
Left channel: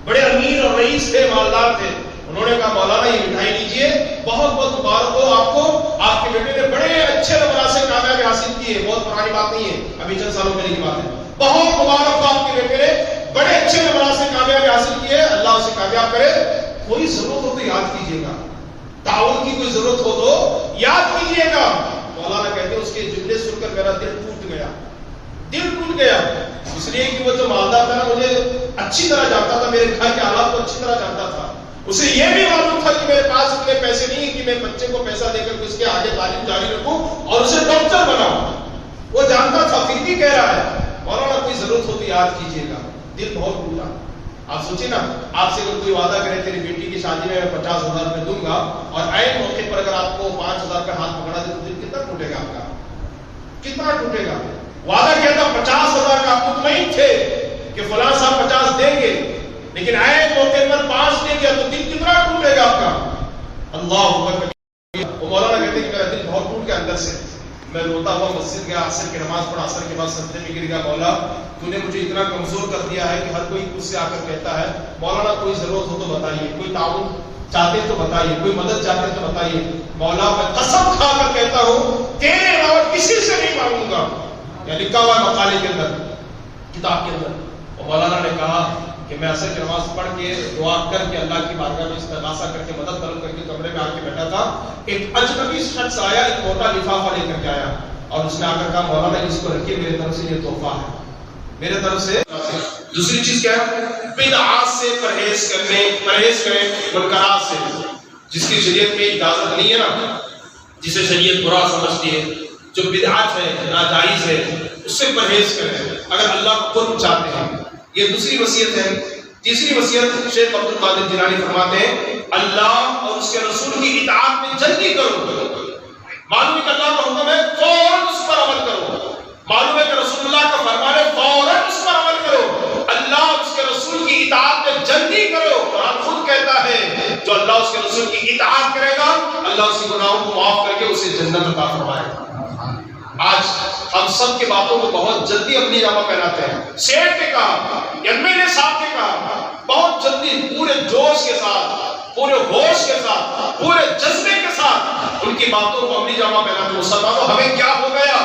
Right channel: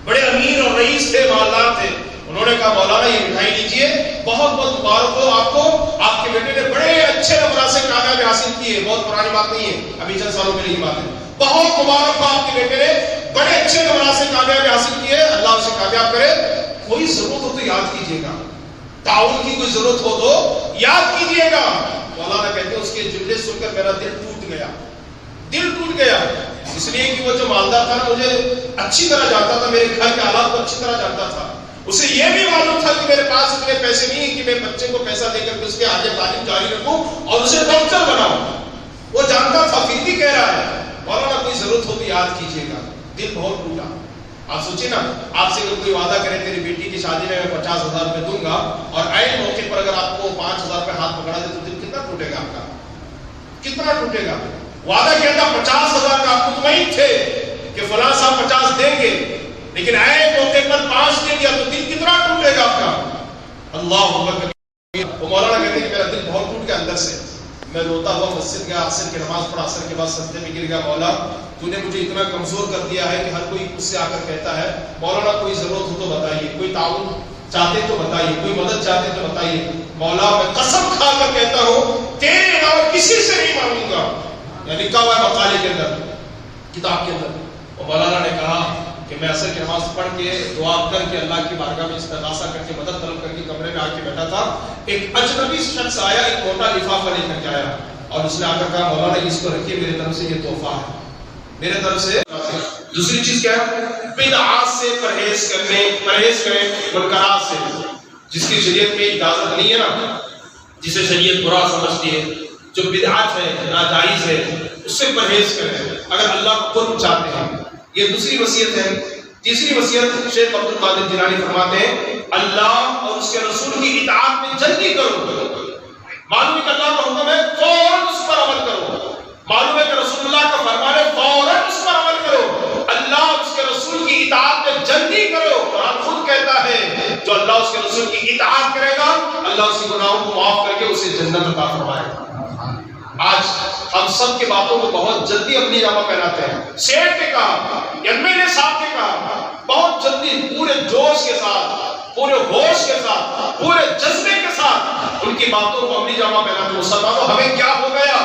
بڑے امیر اور رئیس تھے، مالدار تھے. انہوں نے کہا مولانا یہ مٹھائی لیجیے، بہت بہت مبارک ہو آپ کو، آپ کے بیٹے نے بڑے اچھے نمبرات سے کامیابی حاصل کی ہے. بہت پرانی بات نہیں ہے، ابھی چند سالوں پہلے کی بات ہے. بہت مبارک ہو آپ کے بیٹے نے بڑے اچھے نمبرات سے کامیابی حاصل کی ہے، اللہ اسے کامیاب کرے. کوئی ضرورت ہو تو یاد کیجیے گا، تعاون کی کوئی ضرورت ہو تو یاد کیجیے گا. مولانا کہتے ہیں اس کے جملے سن کر میرا دل ٹوٹ گیا، دل ٹوٹ گیا. اس لیے کہ وہ جو مالدار تھا نا مجھے اچھی طرح جانتا تھا، میرے گھر کے حالات کو اچھی طرح جانتا تھا. اسے یہ بھی معلوم تھا کہ میرے پاس اتنے پیسے نہیں کہ میں بچے کو پیسہ دے کر اس کے آگے تعلیم جاری رکھوں اور اسے ڈاکٹر بناؤں. وہ جانتا تھا، پھر بھی کہہ رہا ہے مولانا کوئی ضرورت ہو تو یاد کیجیے گا. دل بہت ٹوٹا. آپ سوچیں نا، آپ سے اگر کوئی وعدہ کرے تیری بیٹی کی شادی میں 50,000 روپے دوں گا اور عین موقع پر اگر آپ کو 5,000 روپے ہاتھ پکڑا دے تو دل کتنا ٹوٹے گا آپ کا، کتنا ٹوٹے گا. وعدہ کیا تھا 50,000 کا، آپ مطمئن تھے کہ فلاں صاحب 50 دیں گے، لیکن عین موقع پر 5 دے دیا تو دل کتنا ٹوٹے گا آپ کا. اللہ اکبر. وہ مولانا کہتے ہیں کہ میرا دل بہت ٹوٹ گیا اندر سے. میں روتا ہوا مسجد گیا، عصر کی نماز پڑھا، عصر کے بعد سجدے میں گر گیا، مولا تو نے مجھے اتنا کمزور کر دیا ہے کہ ہر کوئی اس سے آ کر کہتا ہے مولانا کوئی ضرورت ہو تو بتائیے، کوئی تعاون چاہتے تو بتائیے، کوئی مدد چاہتے تو بتائیے، مولا میں قسم کھا کر کہتا ہوں تیرے علاوہ کسی سے نہیں مانگوں گا. یا لکھا ہوا ہے مقالے کے اندر، کتاب کے اندر. اور مولانا نے کہا کہ میں عصر کی نماز پڑھ کے دعا کر کے اللہ کی بارگاہ میں استغاثہ کر کے مدد طلب کر کے کمرے میں آ کے بیٹھا تھا. ایک اجنبی شخص آیا، ایک موٹا لفافہ لے کر کے آیا اور اس نے آ کر کہا مولانا اس کو رکھیے، میرے طرف سے یہ تحفہ ہے، میرے طرف سے. دوسری چیز کیا ہے؟ بدعات سے پرہیز کریں منکرات سے. جس کی شریعت میں اجازت نہیں ہے نا، جسے شریعت برا سمجھتی ہے، جو بدعات ہے ناجائز ہے، اس سے پرہیز کریں اگر اللہ کو قرب چاہتے ہیں. یہ دوسری وصیت ہے. تیسری وصیت شیخ عبد القادر جیلانی فرماتے ہیں اللہ اور اس کے رسول کی اطاعت میں جلدی کرو. معلوم ہے کہ اللہ کا حکم ہے فوراً اس پر عمل کرو، معلوم ہے کہ رسول اللہ کا فرمان ہے فوراً اس پر عمل کرو. اللہ اور اس کے رسول کی اطاعت میں جلدی کرو. قرآن خود کہتا ہے جو اللہ اس کے رسول کی اطاعت کرے گا اللہ اس کے گناہوں کو معاف کر کے اسے جنت عطا فرمائے گا. آج ہم سب کی باتوں کو بہت جلدی اپنی جامہ پہناتے ہیں. سیٹ نے کہا، ایم ایل اے صاحب نے کہا، بہت جلدی پورے جوش کے ساتھ، پورے ہوش کے ساتھ، پورے جذبے کے ساتھ ان کی باتوں کو اپنی جامہ پہناتے ہیں. مسلمانوں ہمیں کیا ہو گیا؟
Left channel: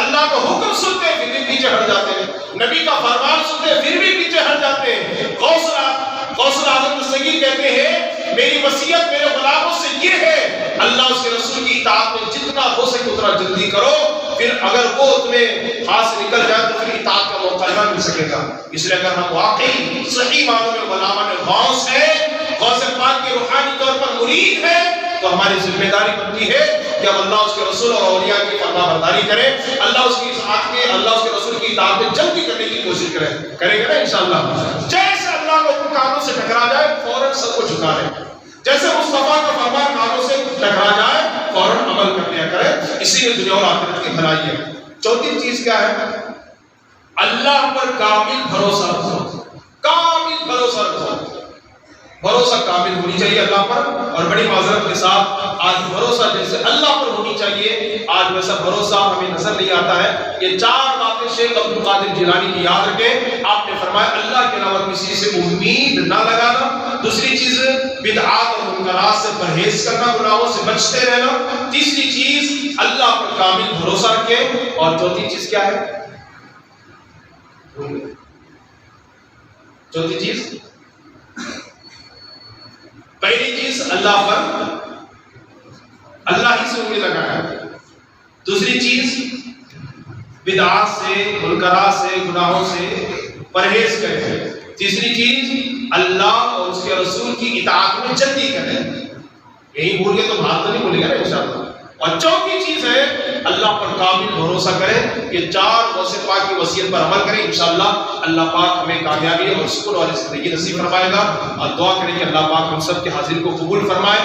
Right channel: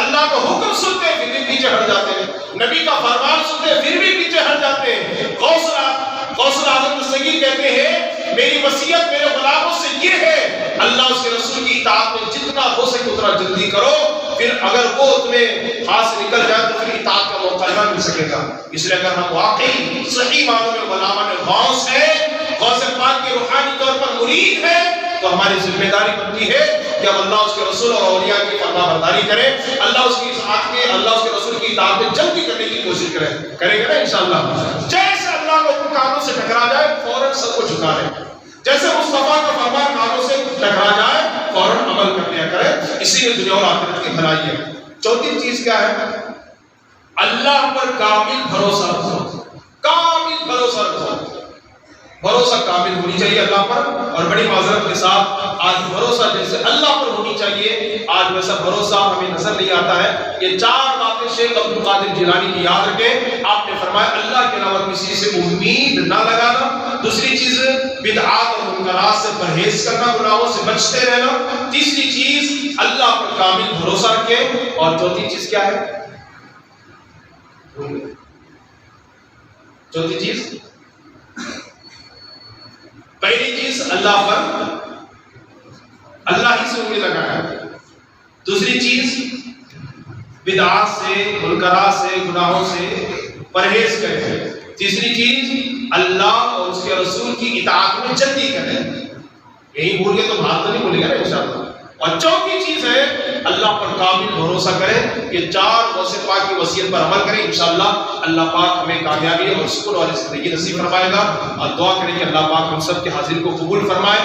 اللہ کا حکم سنتے پھر بھی پیچھے ہٹ جاتے ہیں، نبی کا فرمان سنتے پھر بھی پیچھے ہٹ جاتے ہیں. غوث اعظم دستگیر کہتے ہیں میری وصیت میرے غلاموں سے یہ ہے اللہ اس کے رسول کی اطاعت میں جتنا ہو سکے اتنا جلدی کرو، پھر اگر وہ تمہیں ہاتھ سے نکل جائے تو پھر اطاعت کا موقع نہ مل سکے گا. اس لیے اگر ہم واقعی صحیح معنوں میں غلامان غوث ہیں، غوث پاک کے روحانی طور پر مرید ہیں، تو ہماری ذمہ داری بنتی ہے کہ ہم اللہ اس کے رسول اور اولیاء کی فرما برداری کریں، اللہ اس کی اطاعت میں، اللہ اس کے رسول کی اطاعت میں جلدی کرنے کی کوشش کریں گے نا انشاءاللہ. جیسے اللہ کو کانوں سے ٹکرا جائے فوراً سب کو جھکا لیں، جیسے مصطفیٰ کا فرمان کانوں سے ٹکرا جائے فوراً عمل کر لیا کرے. اسی میں دنیا اور آخرت کی بھلائی ہے. چوتھی چیز کیا ہے؟ اللہ پر کامل بھروسہ رکھو. کامل بھروسہ رکھو، بھروسہ کامل ہونی چاہیے اللہ پر. اور بڑی معذرت کے ساتھ آج بھروسہ جیسے اللہ پر ہونی چاہیے آج ویسا بھروسہ ہمیں نظر نہیں آتا ہے. یہ 4 باتیں شیخ عبد القادر جیلانی کی یاد رکھیں. آپ نے فرمایا اللہ کے علاوہ کسی سے امید نہ لگانا. دوسری چیز بدعات اور منکرات سے پرہیز کرنا، گناہوں سے بچتے رہنا. تیسری چیز اللہ پر کامل بھروسہ رکھیں. اور چوتھی چیز کیا ہے؟ چوتھی چیز، پہلی چیز اللہ پر، اللہ ہی سے امید لگانا. دوسری چیز بدعات سے، منکرات سے، گناہوں سے پرہیز کریں. تیسری چیز اللہ اور اس کے رسول کی اطاعت میں جلدی کریں. یہی بھول گئے تو بات تو نہیں بھولے گا نا انشاءاللہ. اور چوتھی چیز ہے اللہ پر کامل بھروسہ کریں. یہ 4 غوث پاک کی وصیت پر عمل کریں. انشاءاللہ اللہ پاک ہمیں کامیابی اور سکون والی زندگی نصیب فرمائے گا. اور دعا کریں کہ اللہ پاک ہم سب کے حاضر کو قبول فرمائے.